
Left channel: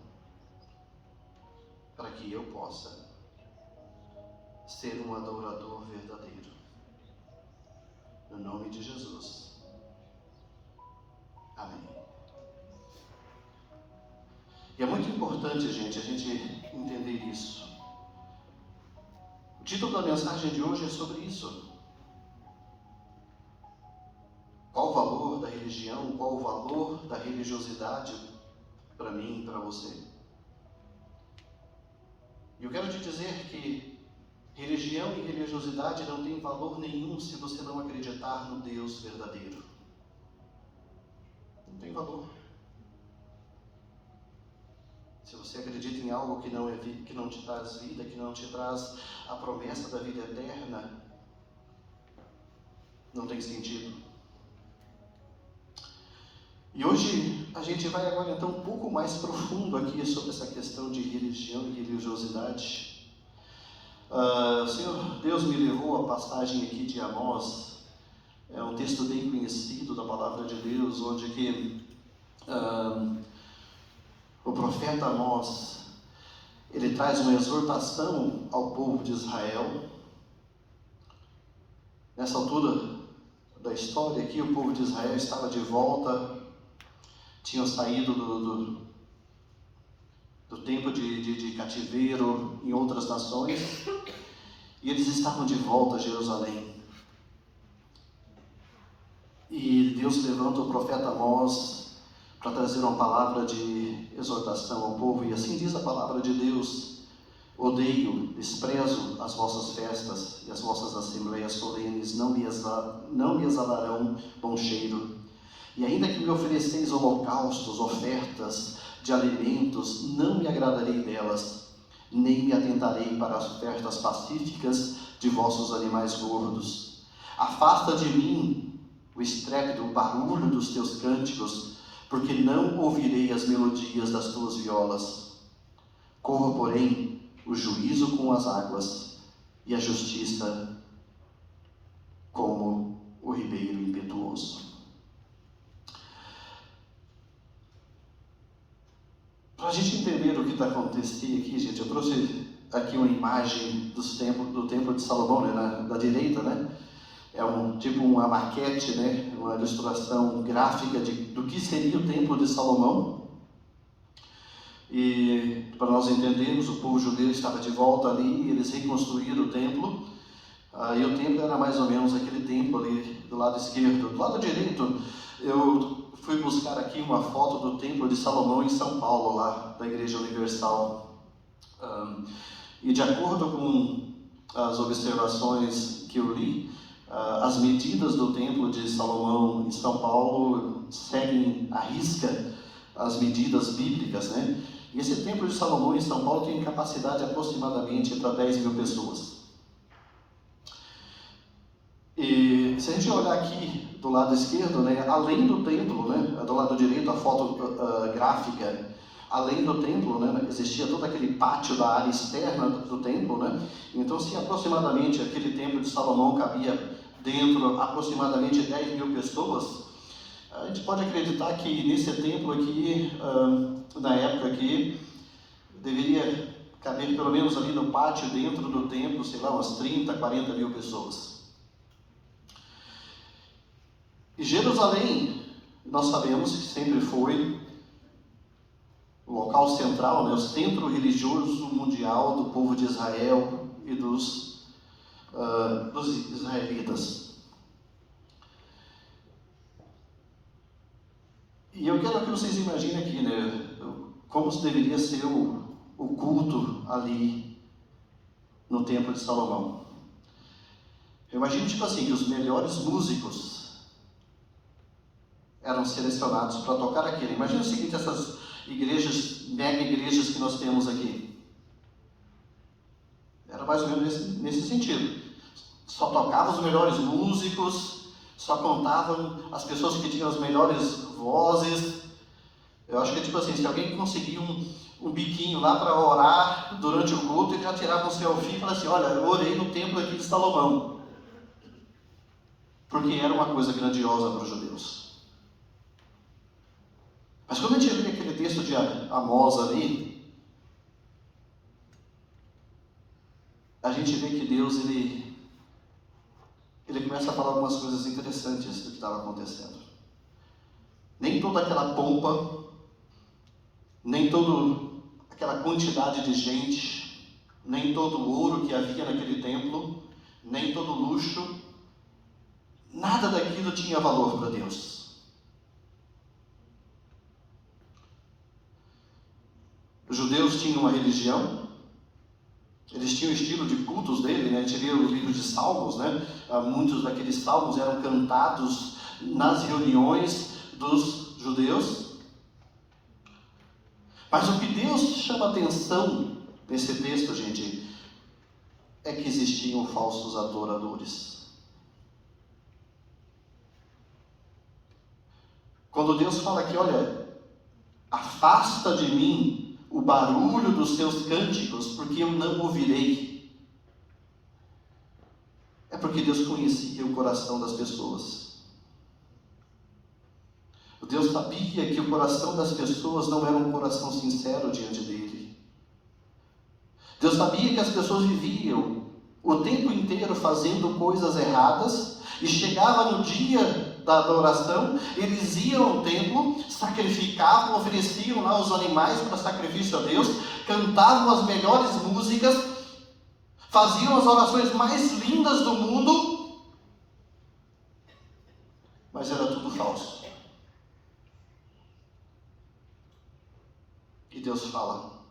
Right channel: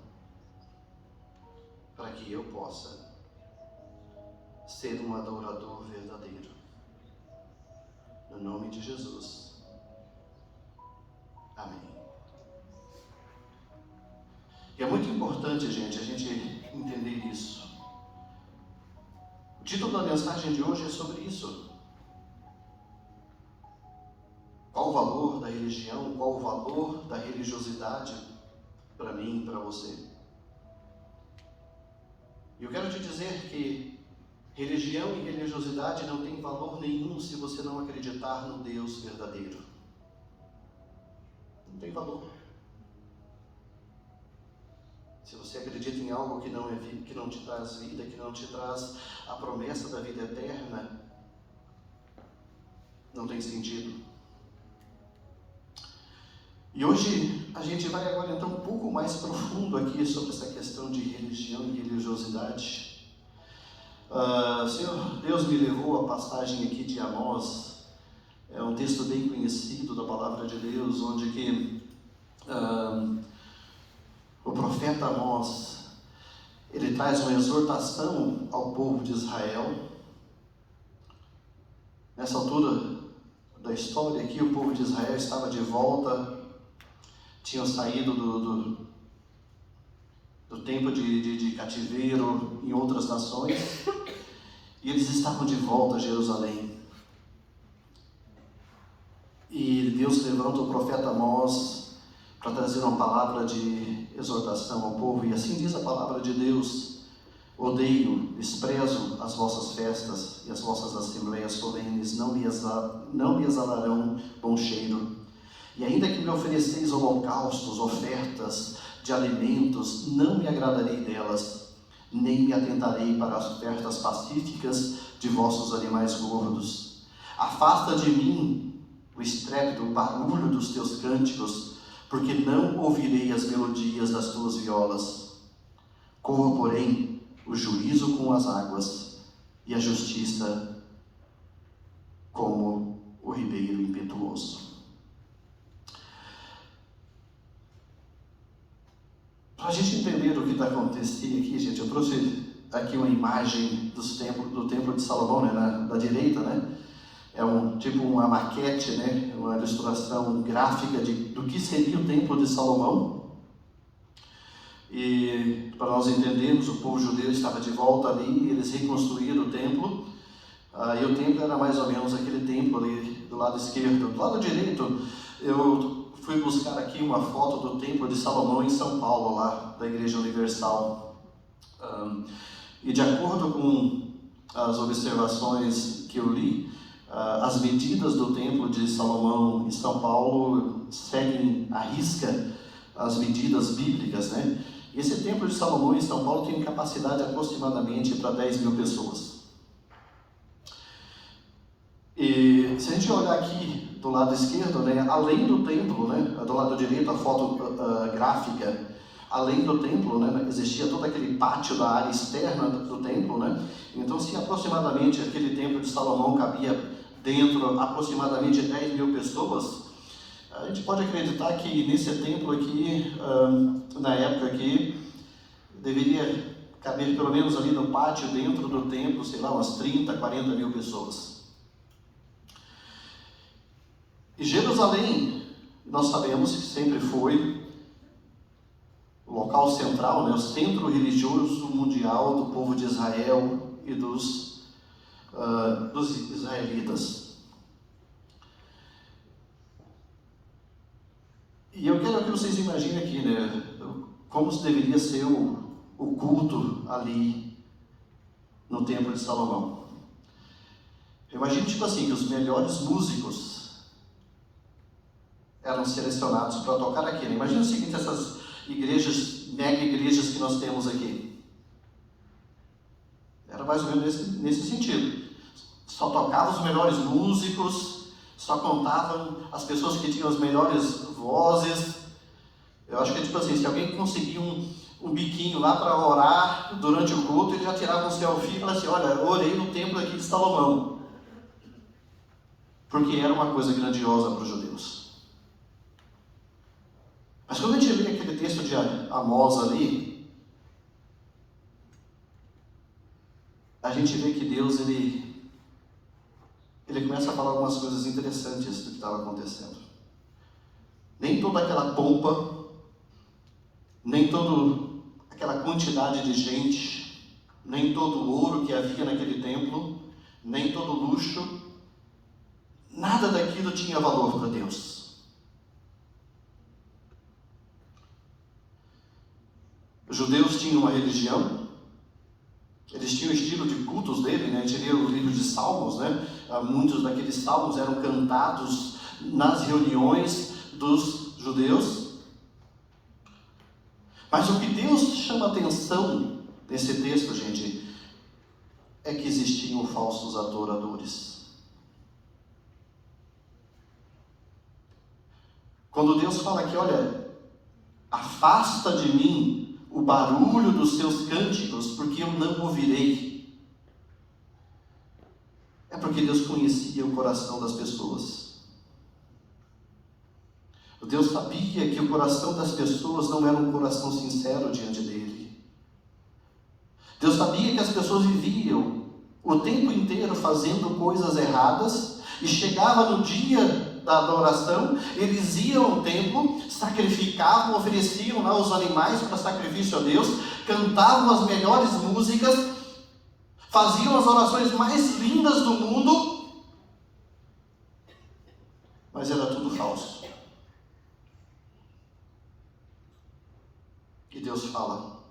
para que eu possa ser um adorador verdadeiro. No nome de Jesus. Amém. E é muito importante, gente, a gente entender isso. O título da mensagem de hoje é sobre isso. Qual o valor da religião? Qual o valor da religiosidade para mim e para você? E eu quero te dizer que religião e religiosidade não tem valor nenhum se você não acreditar no Deus verdadeiro. Não tem valor. Se você acredita em algo que não é vida, que não te traz vida, que não te traz a promessa da vida eterna, não tem sentido. E hoje a gente vai agora então um pouco mais profundo aqui sobre essa questão de religião e religiosidade. Senhor Deus me levou a passagem aqui de Amós. É um texto bem conhecido da palavra de Deus, onde que o profeta Amós, ele traz uma exortação ao povo de Israel. Nessa altura da história aqui, o povo de Israel estava de volta, tinham saído do tempo de cativeiro em outras nações, e eles estavam de volta a Jerusalém. E Deus levanta o profeta Amós para trazer uma palavra de exortação ao povo, e assim diz a palavra de Deus: odeio, desprezo as vossas festas e as vossas assembleias solenes, não me exalarão bom cheiro. E ainda que me ofereceis holocaustos, ofertas de alimentos, não me agradarei delas, nem me atentarei para as ofertas pacíficas de vossos animais gordos. Afasta de mim o estrépito, o barulho dos teus cânticos, porque não ouvirei as melodias das tuas violas. Corro, porém, o juízo como as águas, e a justiça como o ribeiro impetuoso. Para a gente entender o que está acontecendo aqui, gente, eu trouxe aqui uma imagem do templo de Salomão, né, da direita, né? É tipo uma maquete, né? Uma ilustração gráfica do que seria o Templo de Salomão. E para nós entendermos, o povo judeu estava de volta ali, eles reconstruíram o templo. E o templo era mais ou menos aquele templo ali do lado esquerdo. Do lado direito, eu fui buscar aqui uma foto do Templo de Salomão em São Paulo, lá da Igreja Universal. E de acordo com as observações que eu li, as medidas do Templo de Salomão em São Paulo seguem à risca as medidas bíblicas, né? Esse Templo de Salomão em São Paulo tem capacidade aproximadamente para 10 mil pessoas. E se a gente olhar aqui do lado esquerdo, né, além do templo, né, do lado direito a foto gráfica, além do templo, né, existia todo aquele pátio da área externa do templo, né? Então, se aproximadamente aquele Templo de Salomão cabia dentro aproximadamente 10 mil pessoas, a gente pode acreditar que nesse templo aqui, na época aqui, deveria caber pelo menos ali no pátio, dentro do templo, sei lá, umas 30, 40 mil pessoas. E Jerusalém, nós sabemos que sempre foi o local central, né, o centro religioso mundial do povo de Israel e dos israelitas. E eu quero que vocês imaginem aqui, né, como deveria ser o culto ali no Templo de Salomão. Eu imagino, tipo assim, que os melhores músicos eram selecionados para tocar aqui. Imagina o seguinte, essas igrejas, mega igrejas que nós temos aqui. Era mais ou menos nesse sentido. Só tocavam os melhores músicos, só contavam as pessoas que tinham as melhores vozes. Eu acho que é tipo assim, se alguém conseguia um biquinho lá para orar durante o culto, ele já tirava um selfie e falava assim: olha, eu orei no templo aqui de Salomão. Porque era uma coisa grandiosa para os judeus. Mas quando a gente lê aquele texto de Amós ali, a gente vê que Deus ele começa a falar algumas coisas interessantes do que estava acontecendo. Nem toda aquela pompa, nem toda aquela quantidade de gente, nem todo o ouro que havia naquele templo, nem todo o luxo, nada daquilo tinha valor para Deus. Os judeus tinham uma religião, eles tinham o estilo de cultos dele, né? A gente lê os livros de Salmos, né? Muitos daqueles salmos eram cantados nas reuniões dos judeus. Mas o que Deus chama a atenção nesse texto, gente, é que existiam falsos adoradores. Quando Deus fala aqui, olha, afasta de mim o barulho dos seus cânticos, porque eu não ouvirei. É porque Deus conhecia o coração das pessoas. Deus sabia que o coração das pessoas não era um coração sincero diante dele. Deus sabia que as pessoas viviam o tempo inteiro fazendo coisas erradas, e chegava no dia da adoração, eles iam ao templo, sacrificavam, ofereciam lá os animais para sacrifício a Deus, cantavam as melhores músicas, faziam as orações mais lindas do mundo, mas era tudo falso. E Deus fala:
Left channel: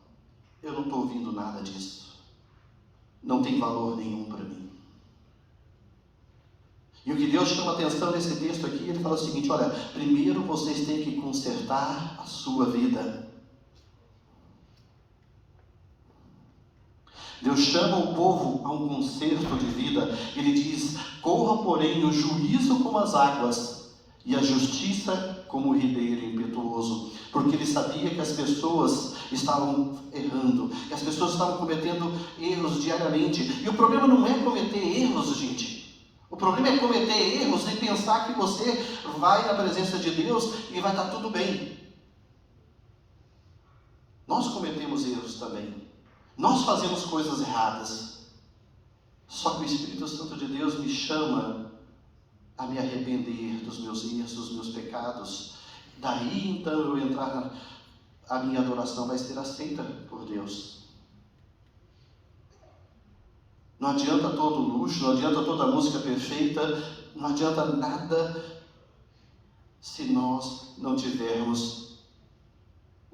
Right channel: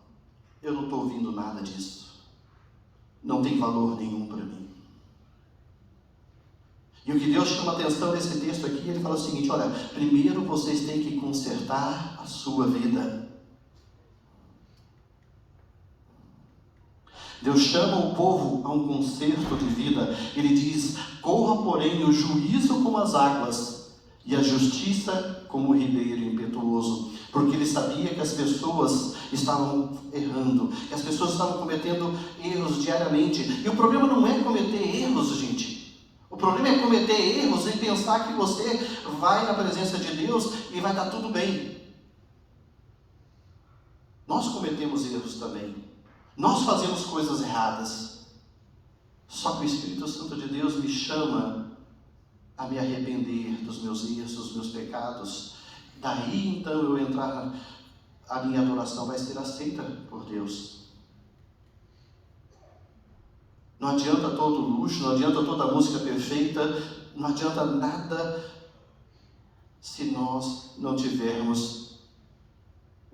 eu não estou ouvindo nada disso, não tem valor nenhum para mim. E o que Deus chama a atenção nesse texto aqui, ele fala o seguinte: olha, primeiro vocês têm que consertar a sua vida. Deus chama o povo a um conserto de vida. Ele diz: corra, porém, o juízo como as águas e a justiça como o ribeiro impetuoso. Porque ele sabia que as pessoas estavam errando, que as pessoas estavam cometendo erros diariamente. E o problema não é cometer erros, gente. O problema é cometer erros e pensar que você vai na presença de Deus e vai estar tudo bem. Nós cometemos erros também. Nós fazemos coisas erradas. Só que o Espírito Santo de Deus me chama me arrepender dos meus erros, dos meus pecados, daí então eu entrar, a minha adoração vai ser aceita por Deus. Não adianta todo luxo, não adianta toda a música perfeita, não adianta nada se nós não tivermos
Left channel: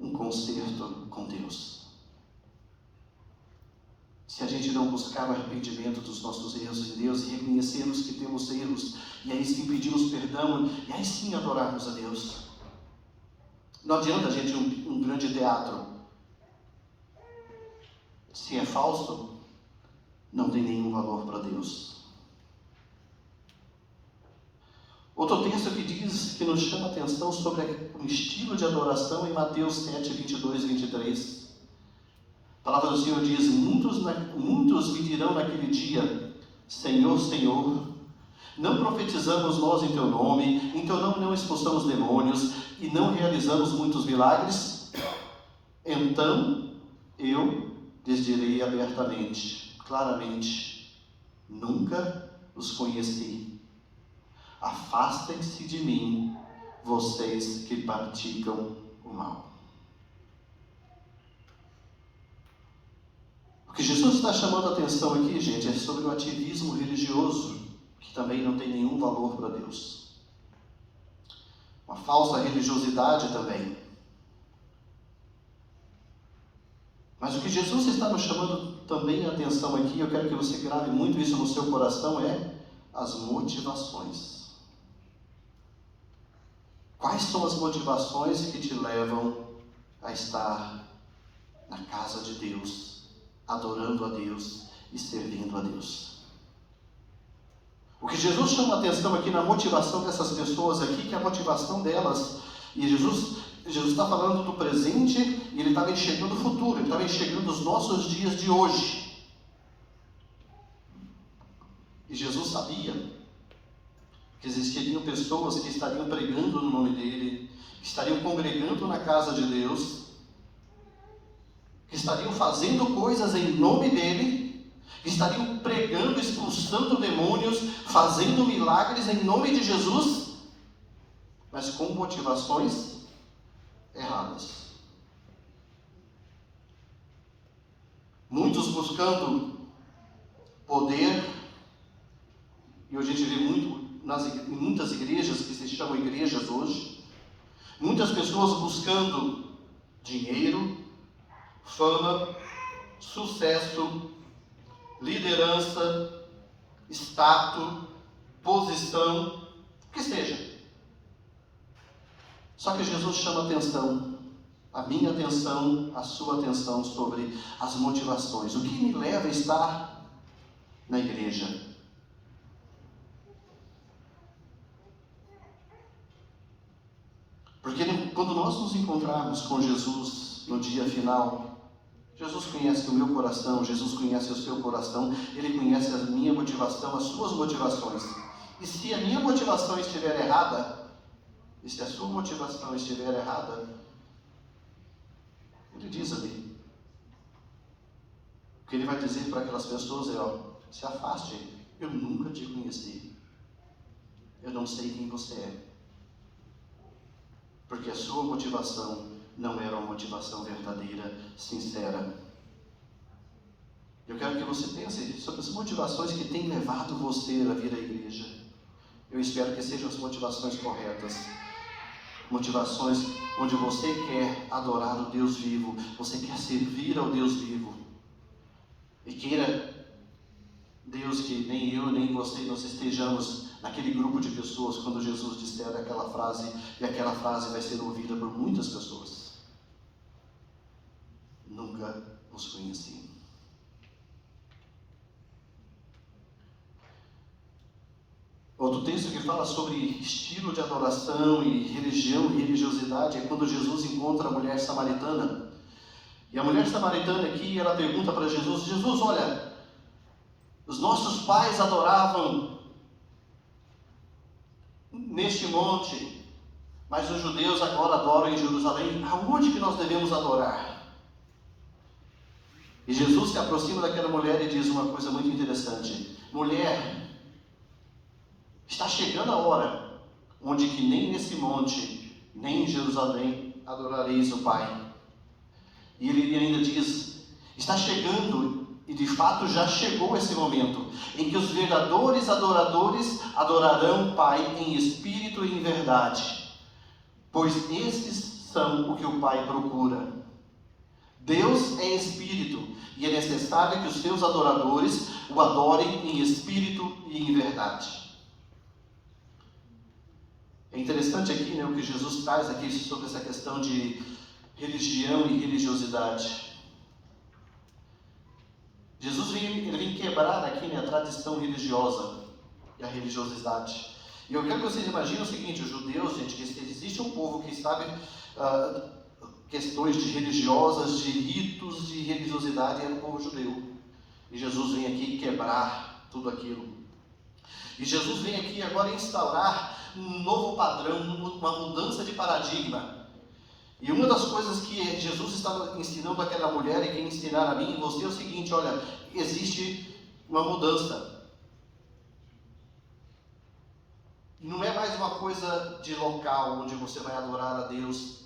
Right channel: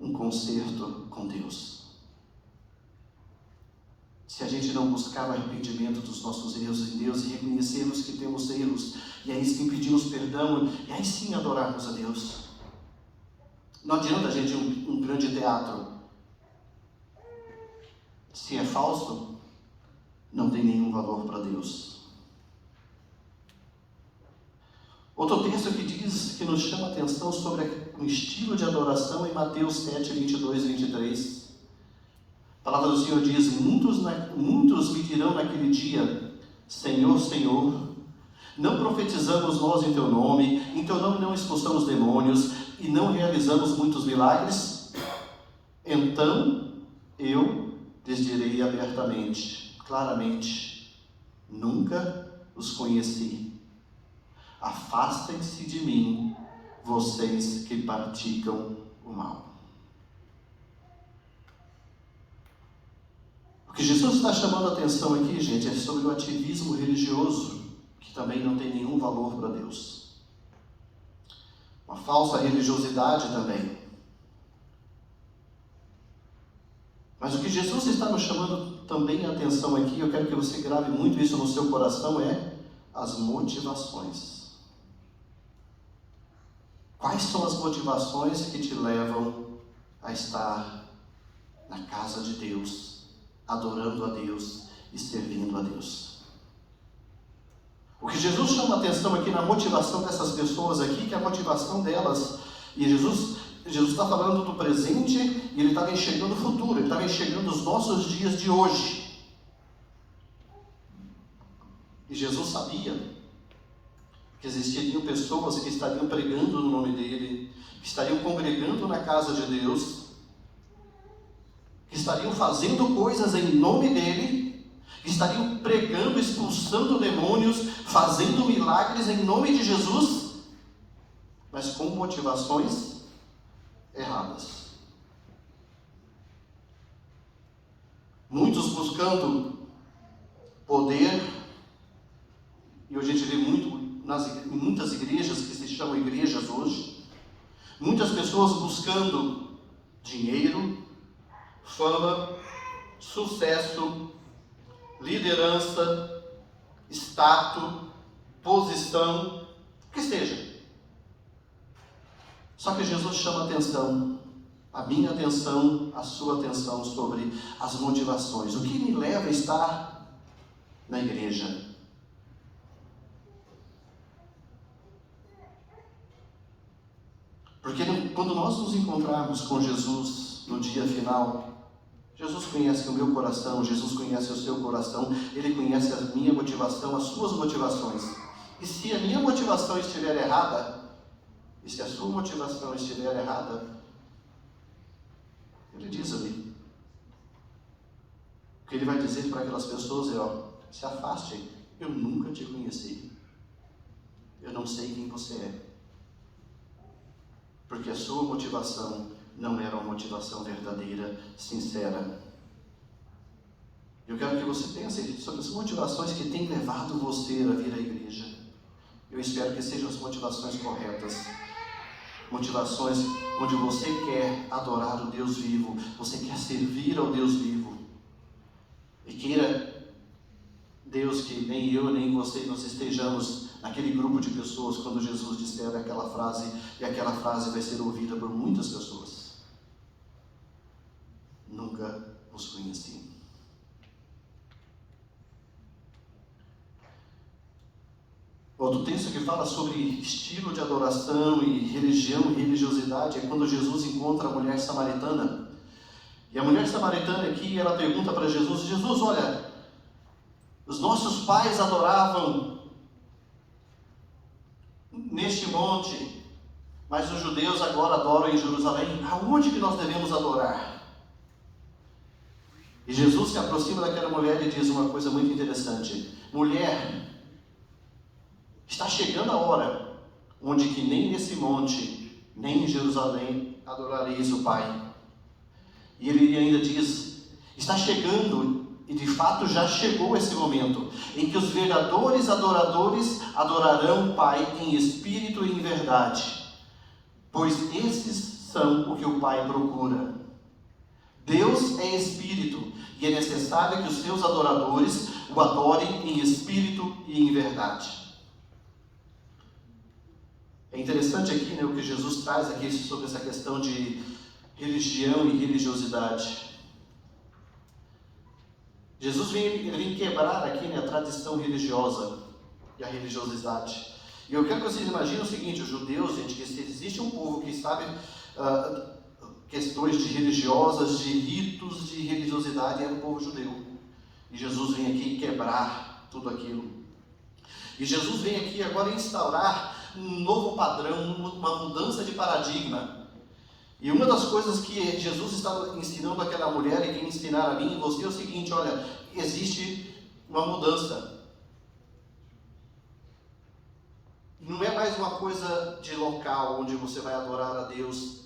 um conserto com Deus. Se a gente não buscar o arrependimento dos nossos erros em Deus e reconhecermos que temos erros, e aí sim pedirmos perdão, e aí sim adorarmos a Deus. Não adianta, gente, um grande teatro. Se é falso, não tem nenhum valor para Deus. Outro texto que diz, que nos chama a atenção sobre o estilo de adoração é Mateus 7, 22 e 23. A palavra do Senhor diz: muitos me dirão naquele dia, Senhor, Senhor, não profetizamos nós em teu nome, em teu nome não expulsamos demônios e não realizamos muitos milagres? Então eu lhes direi abertamente, claramente, nunca os conheci. Afastem-se de mim, vocês que praticam o mal. O que Jesus está chamando a atenção aqui, gente, é sobre o ativismo religioso, que também não tem nenhum valor para Deus. Uma falsa religiosidade também. Mas o que Jesus está nos chamando também a atenção aqui, eu quero que você grave muito isso no seu coração, é as motivações. Quais são as motivações que te levam a estar na casa de Deus, adorando a Deus e servindo a Deus? O que Jesus chama a atenção aqui na motivação dessas pessoas aqui, que é a motivação delas, e Jesus está falando do presente e ele estava enxergando o futuro, ele estava enxergando os nossos dias de hoje. E Jesus sabia que existiriam pessoas que estariam pregando no nome dele, que estariam congregando na casa de Deus, que estariam fazendo coisas em nome dele, que estariam pregando, expulsando demônios, fazendo milagres em nome de Jesus, mas com motivações erradas. Muitos buscando poder, e hoje a gente vê muito em muitas igrejas que se chamam igrejas hoje, muitas pessoas buscando dinheiro, fama, sucesso, liderança, status, posição, o que seja. Só que Jesus chama a atenção, a minha atenção, a sua atenção sobre as motivações. O que me leva a estar na igreja? Porque quando nós nos encontrarmos com Jesus no dia final, Jesus conhece o meu coração, Jesus conhece o seu coração, Ele conhece a minha motivação, as suas motivações. E se a minha motivação estiver errada, e se a sua motivação estiver errada, Ele diz ali, que Ele vai dizer para aquelas pessoas, se afastem, eu nunca te conheci, eu não sei quem você é. Porque a sua motivação não era uma motivação verdadeira, sincera. Eu quero que você pense sobre as motivações que têm levado você a vir à igreja. Eu espero que sejam as motivações corretas. Motivações onde você quer adorar o Deus vivo, você quer servir ao Deus vivo. E queira Deus que nem eu nem você nós estejamos naquele grupo de pessoas quando Jesus disser aquela frase, e aquela frase vai ser ouvida por muitas pessoas. Nunca os conheci. Outro texto que fala sobre estilo de adoração e religião e religiosidade é quando Jesus encontra a mulher samaritana. E a mulher samaritana aqui, ela pergunta para Jesus, Jesus, olha, os nossos pais adoravam neste monte, mas os judeus agora adoram em Jerusalém. Aonde que nós devemos adorar? E Jesus se aproxima daquela mulher e diz uma coisa muito interessante. Mulher, Está chegando a hora onde que nem nesse monte, nem em Jerusalém adorareis o Pai. E ele ainda diz, está chegando, e de fato já chegou esse momento, em que os verdadeiros adoradores adorarão o Pai em espírito e em verdade, pois esses são o que o Pai procura. Deus é espírito, e é necessário que os seus adoradores o adorem em espírito e em verdade. É interessante aqui, né, o que Jesus traz aqui sobre essa questão de religião e religiosidade. Jesus vem quebrar aqui, né, a tradição religiosa e a religiosidade. E eu quero que vocês imaginem o seguinte: os judeus, gente, que existe um povo que sabe questões de religiosas, de ritos, de religiosidade, é o povo judeu. E Jesus vem aqui quebrar tudo aquilo. E Jesus vem aqui agora instaurar um novo padrão, uma mudança de paradigma. E uma das coisas que Jesus estava ensinando àquela mulher e que ensinaram a mim e você é o seguinte: olha, existe uma mudança. Não é mais uma coisa de local onde você vai adorar a Deus.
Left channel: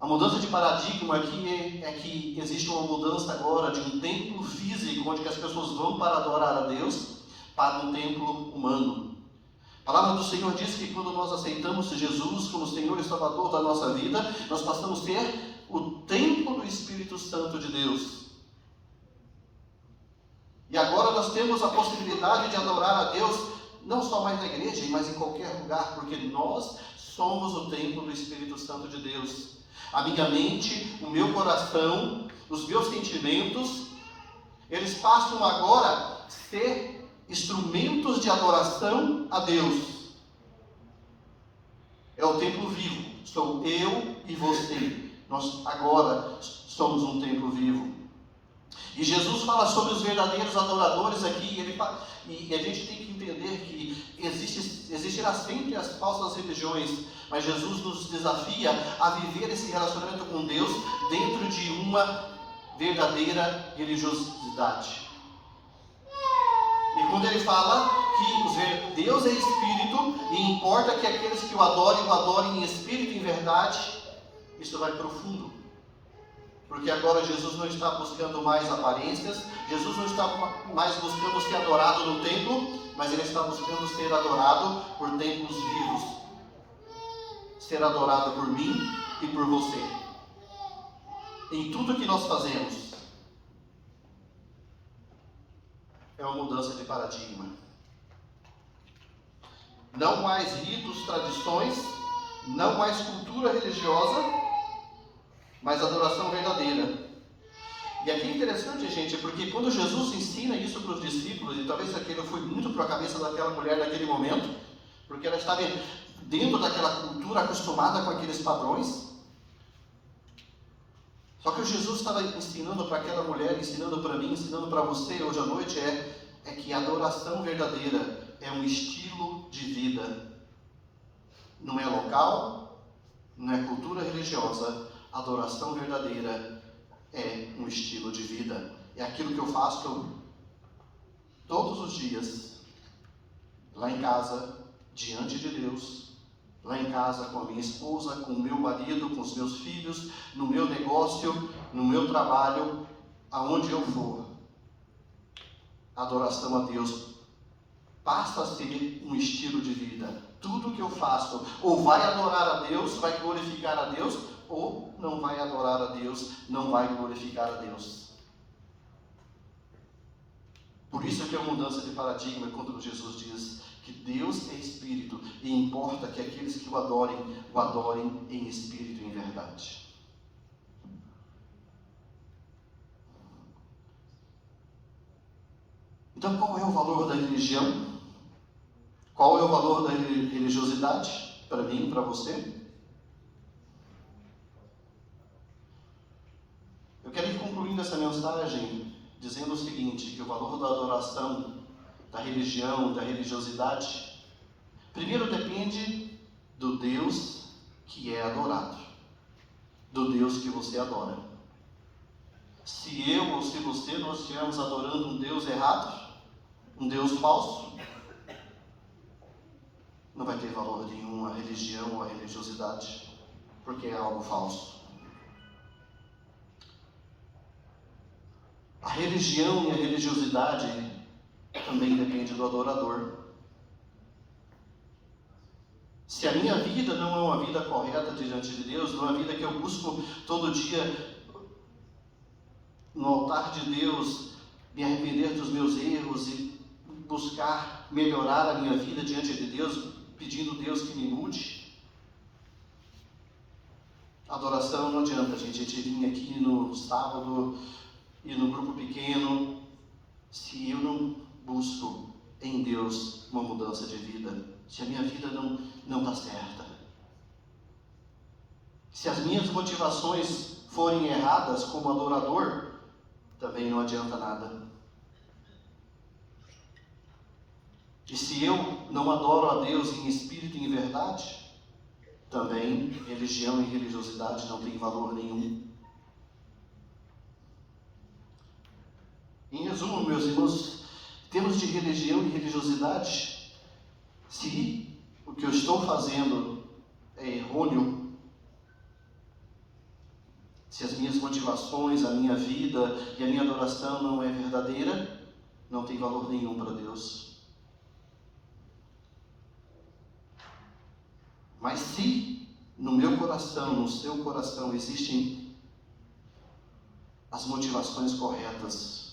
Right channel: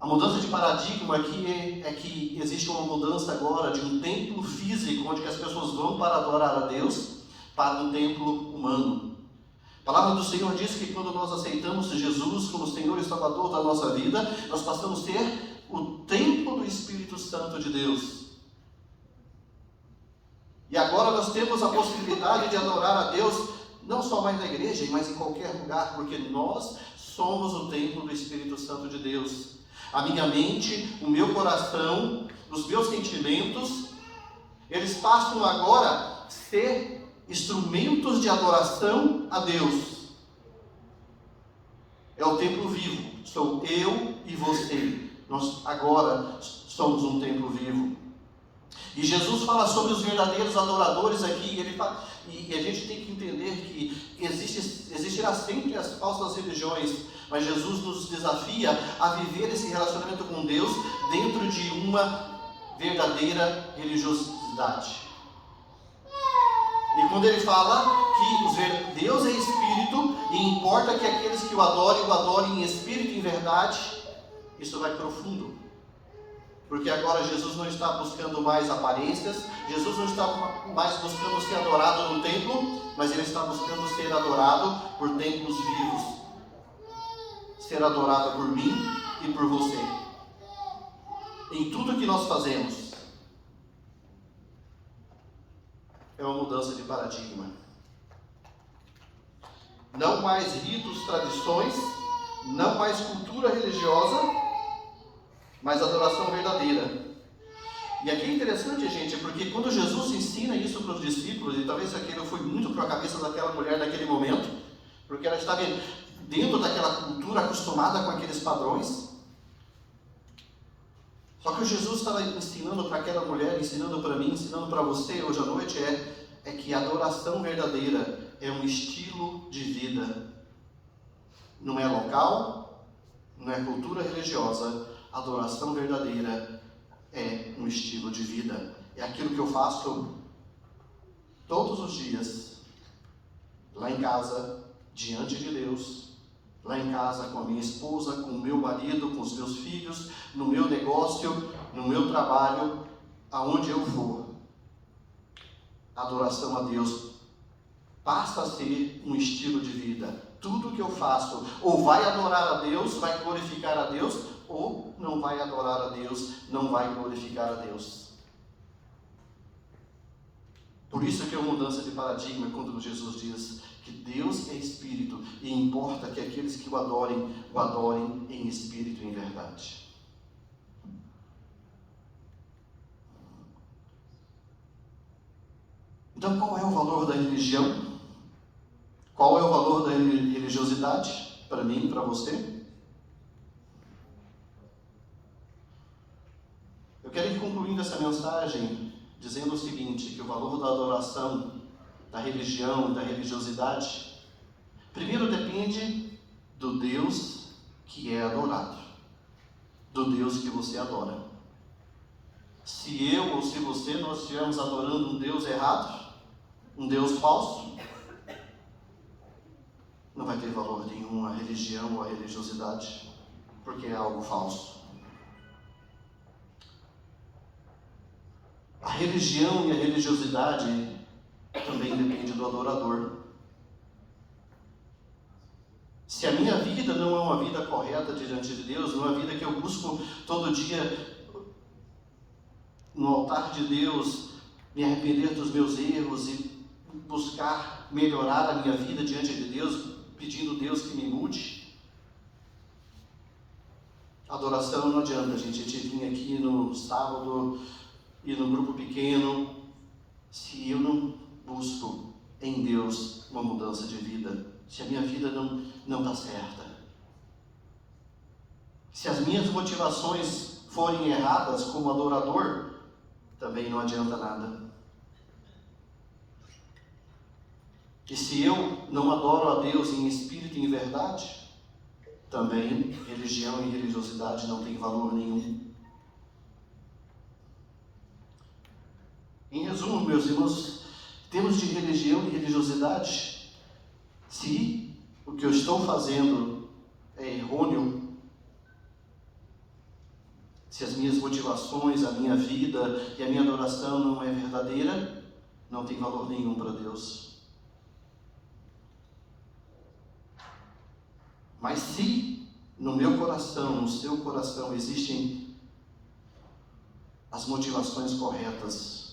A mudança de paradigma aqui é que existe uma mudança agora de um templo físico onde as pessoas vão para adorar a Deus para um templo humano. A palavra do Senhor diz que quando nós aceitamos Jesus como Senhor e Salvador da nossa vida, nós passamos a ser o templo do Espírito Santo de Deus. E agora nós temos a possibilidade de adorar a Deus não só mais na igreja, mas em qualquer lugar, porque nós somos o templo do Espírito Santo de Deus. A minha mente, o meu coração, os meus sentimentos, eles passam agora a ser instrumentos de adoração a Deus. É o templo vivo. Sou eu e você. Nós agora somos um templo vivo. E Jesus fala sobre os verdadeiros adoradores aqui. E a gente tem que entender que existirá sempre as falsas religiões, mas Jesus nos desafia a viver esse relacionamento com Deus dentro de uma verdadeira religiosidade. E quando ele fala que Deus é Espírito e importa que aqueles que o adorem em Espírito e em verdade, isso vai profundo. Porque agora Jesus não está buscando mais aparências, Jesus não está mais buscando ser adorado no templo, mas ele está buscando ser adorado por templos vivos. Ser adorado por mim e por você. Em tudo que nós fazemos. É uma mudança de paradigma. Não mais ritos, tradições, não mais cultura religiosa, mas adoração verdadeira. E aqui é interessante, gente, porque quando Jesus ensina isso para os discípulos, e talvez aquilo foi muito para a cabeça daquela mulher naquele momento, porque ela estava dentro daquela cultura acostumada com aqueles padrões. Só que o Jesus estava ensinando para aquela mulher, ensinando para mim, ensinando para você hoje à noite é que a adoração verdadeira é um estilo de vida. Não é local, não é cultura religiosa. A adoração verdadeira é um estilo de vida. É aquilo que eu faço todos os dias, lá em casa, diante de Deus, lá em casa com a minha esposa, com o meu marido, com os meus filhos, no meu negócio, no meu trabalho, aonde eu for. A adoração a Deus passa a ser um estilo de vida. Tudo que eu faço ou vai adorar a Deus, vai glorificar a Deus, ou não vai adorar a Deus, não vai glorificar a Deus. Por isso que é uma mudança de paradigma quando Jesus diz que Deus é Espírito e importa que aqueles que o adorem em Espírito e em verdade. Então, qual é o valor da religião? Qual é o valor da religiosidade? Para mim e para você? Eu quero ir concluindo essa mensagem dizendo o seguinte, que o valor da adoração, da religião, da religiosidade, primeiro depende do Deus que é adorado, do Deus que você adora. Se eu ou se você, nós estivermos adorando um Deus errado, um Deus falso, uma religião ou a religiosidade, porque é algo falso. A religião e a religiosidade também depende do adorador. Se a minha vida não é uma vida correta diante de Deus, não é uma vida que eu busco todo dia no altar de Deus, me arrepender dos meus erros e buscar melhorar a minha vida diante de Deus, pedindo a Deus que me mude. Adoração não adianta, gente. A gente vir aqui no sábado e no grupo pequeno, se eu não busco em Deus uma mudança de vida, se a minha vida não está certa, se as minhas motivações forem erradas como adorador, também não adianta nada. E se eu não adoro a Deus em espírito e em verdade, também religião e religiosidade não tem valor nenhum. Em resumo, meus irmãos, temos de religião e religiosidade, se o que eu estou fazendo é errôneo, se as minhas motivações, a minha vida e a minha adoração não é verdadeira, não tem valor nenhum para Deus. Mas se no meu coração, no seu coração existem as motivações corretas,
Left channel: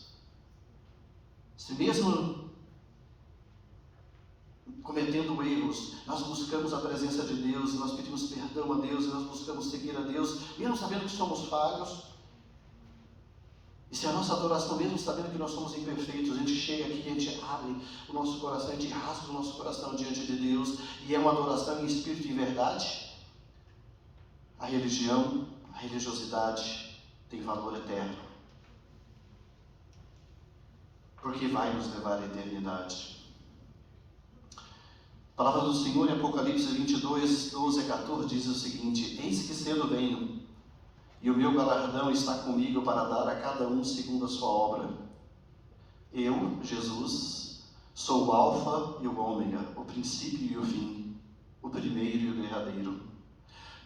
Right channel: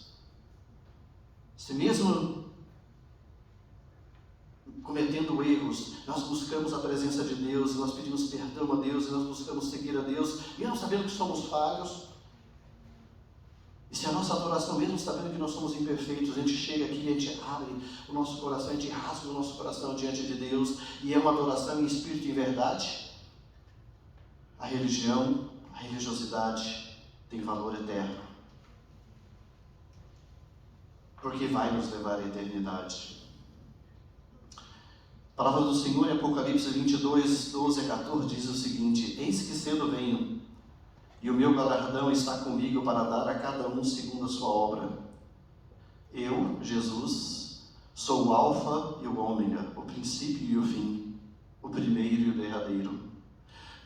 se mesmo cometendo erros, nós buscamos a presença de Deus, nós pedimos perdão a Deus, nós buscamos seguir a Deus, mesmo sabendo que somos falhos, e se a nossa adoração, mesmo sabendo que nós somos imperfeitos, a gente chega aqui e a gente abre o nosso coração, a gente rasga o nosso coração diante de Deus, e é uma adoração em espírito e verdade, a religião, a religiosidade tem valor eterno, porque vai nos levar à eternidade. A palavra do Senhor em Apocalipse 22, 12 a 14 diz o seguinte: eis que cedo venho, e o meu galardão está comigo para dar a cada um segundo a sua obra. Eu, Jesus, sou o Alfa e o Ômega, o princípio e o fim, o primeiro e o derradeiro.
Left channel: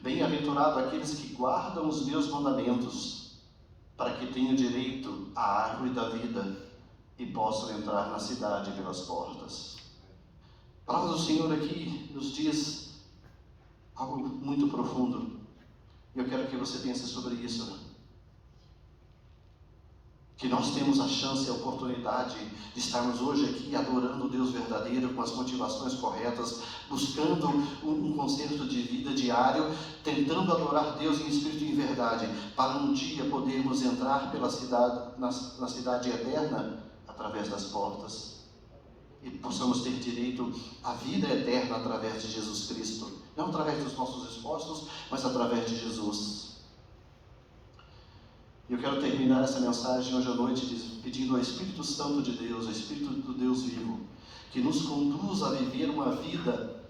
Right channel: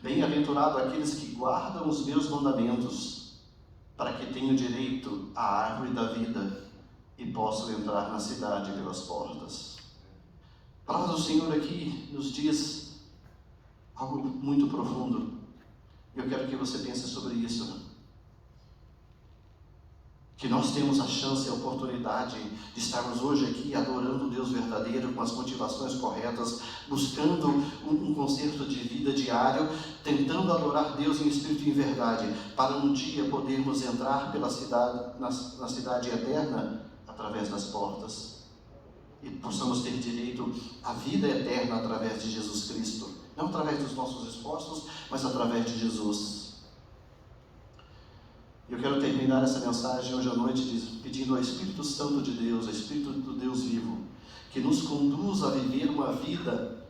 Bem-aventurado aqueles que guardam os meus mandamentos, para que tenham direito à árvore da vida e possam entrar na cidade pelas portas. A palavra do Senhor aqui nos diz algo muito profundo. Eu quero que você pense sobre isso. Que nós temos a chance e a oportunidade de estarmos hoje aqui adorando o Deus verdadeiro, com as motivações corretas, buscando um conceito de vida diário, tentando adorar Deus em espírito e em verdade, para um dia podermos entrar pela cidade, na cidade eterna, através das portas. E possamos ter direito à vida eterna através de Jesus Cristo. Não através dos nossos esforços, mas através de Jesus. Eu quero terminar essa mensagem hoje à noite pedindo ao Espírito Santo de Deus, ao Espírito do Deus vivo, que nos conduza a viver uma vida,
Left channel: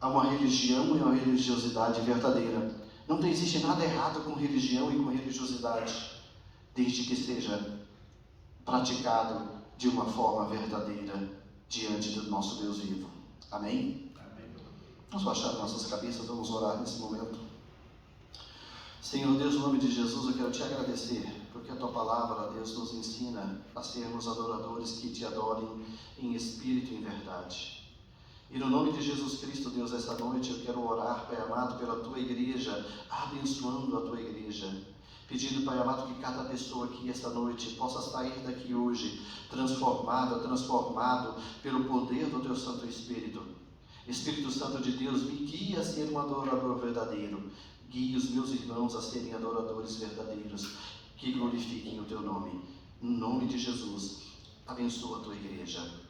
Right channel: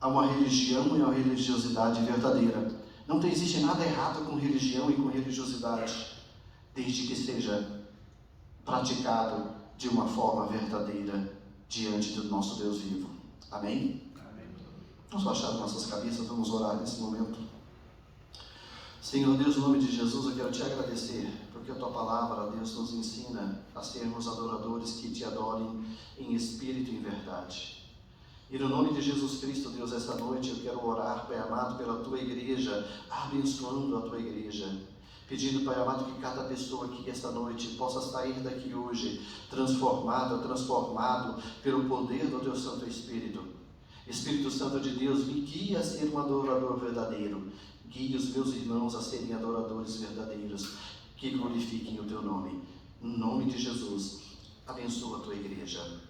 a uma religião e a uma religiosidade verdadeira. Não existe nada errado com religião e com religiosidade, desde que seja praticado de uma forma verdadeira diante do nosso Deus vivo. Amém? Vamos baixar as nossas cabeças, vamos orar nesse momento. Senhor Deus, em nome de Jesus, eu quero te agradecer, porque a tua palavra, Deus, nos ensina a sermos adoradores que te adorem em espírito e em verdade. E no nome de Jesus Cristo, Deus, essa noite eu quero orar, Pai amado, pela tua igreja, abençoando a tua igreja, pedindo, Pai amado, que cada pessoa aqui esta noite possa sair daqui hoje transformado pelo poder do teu Santo Espírito. Espírito Santo de Deus, me guia a ser um adorador verdadeiro. Guie os meus irmãos a serem adoradores verdadeiros, que glorifiquem o teu nome. Em nome de Jesus, abençoa a tua igreja.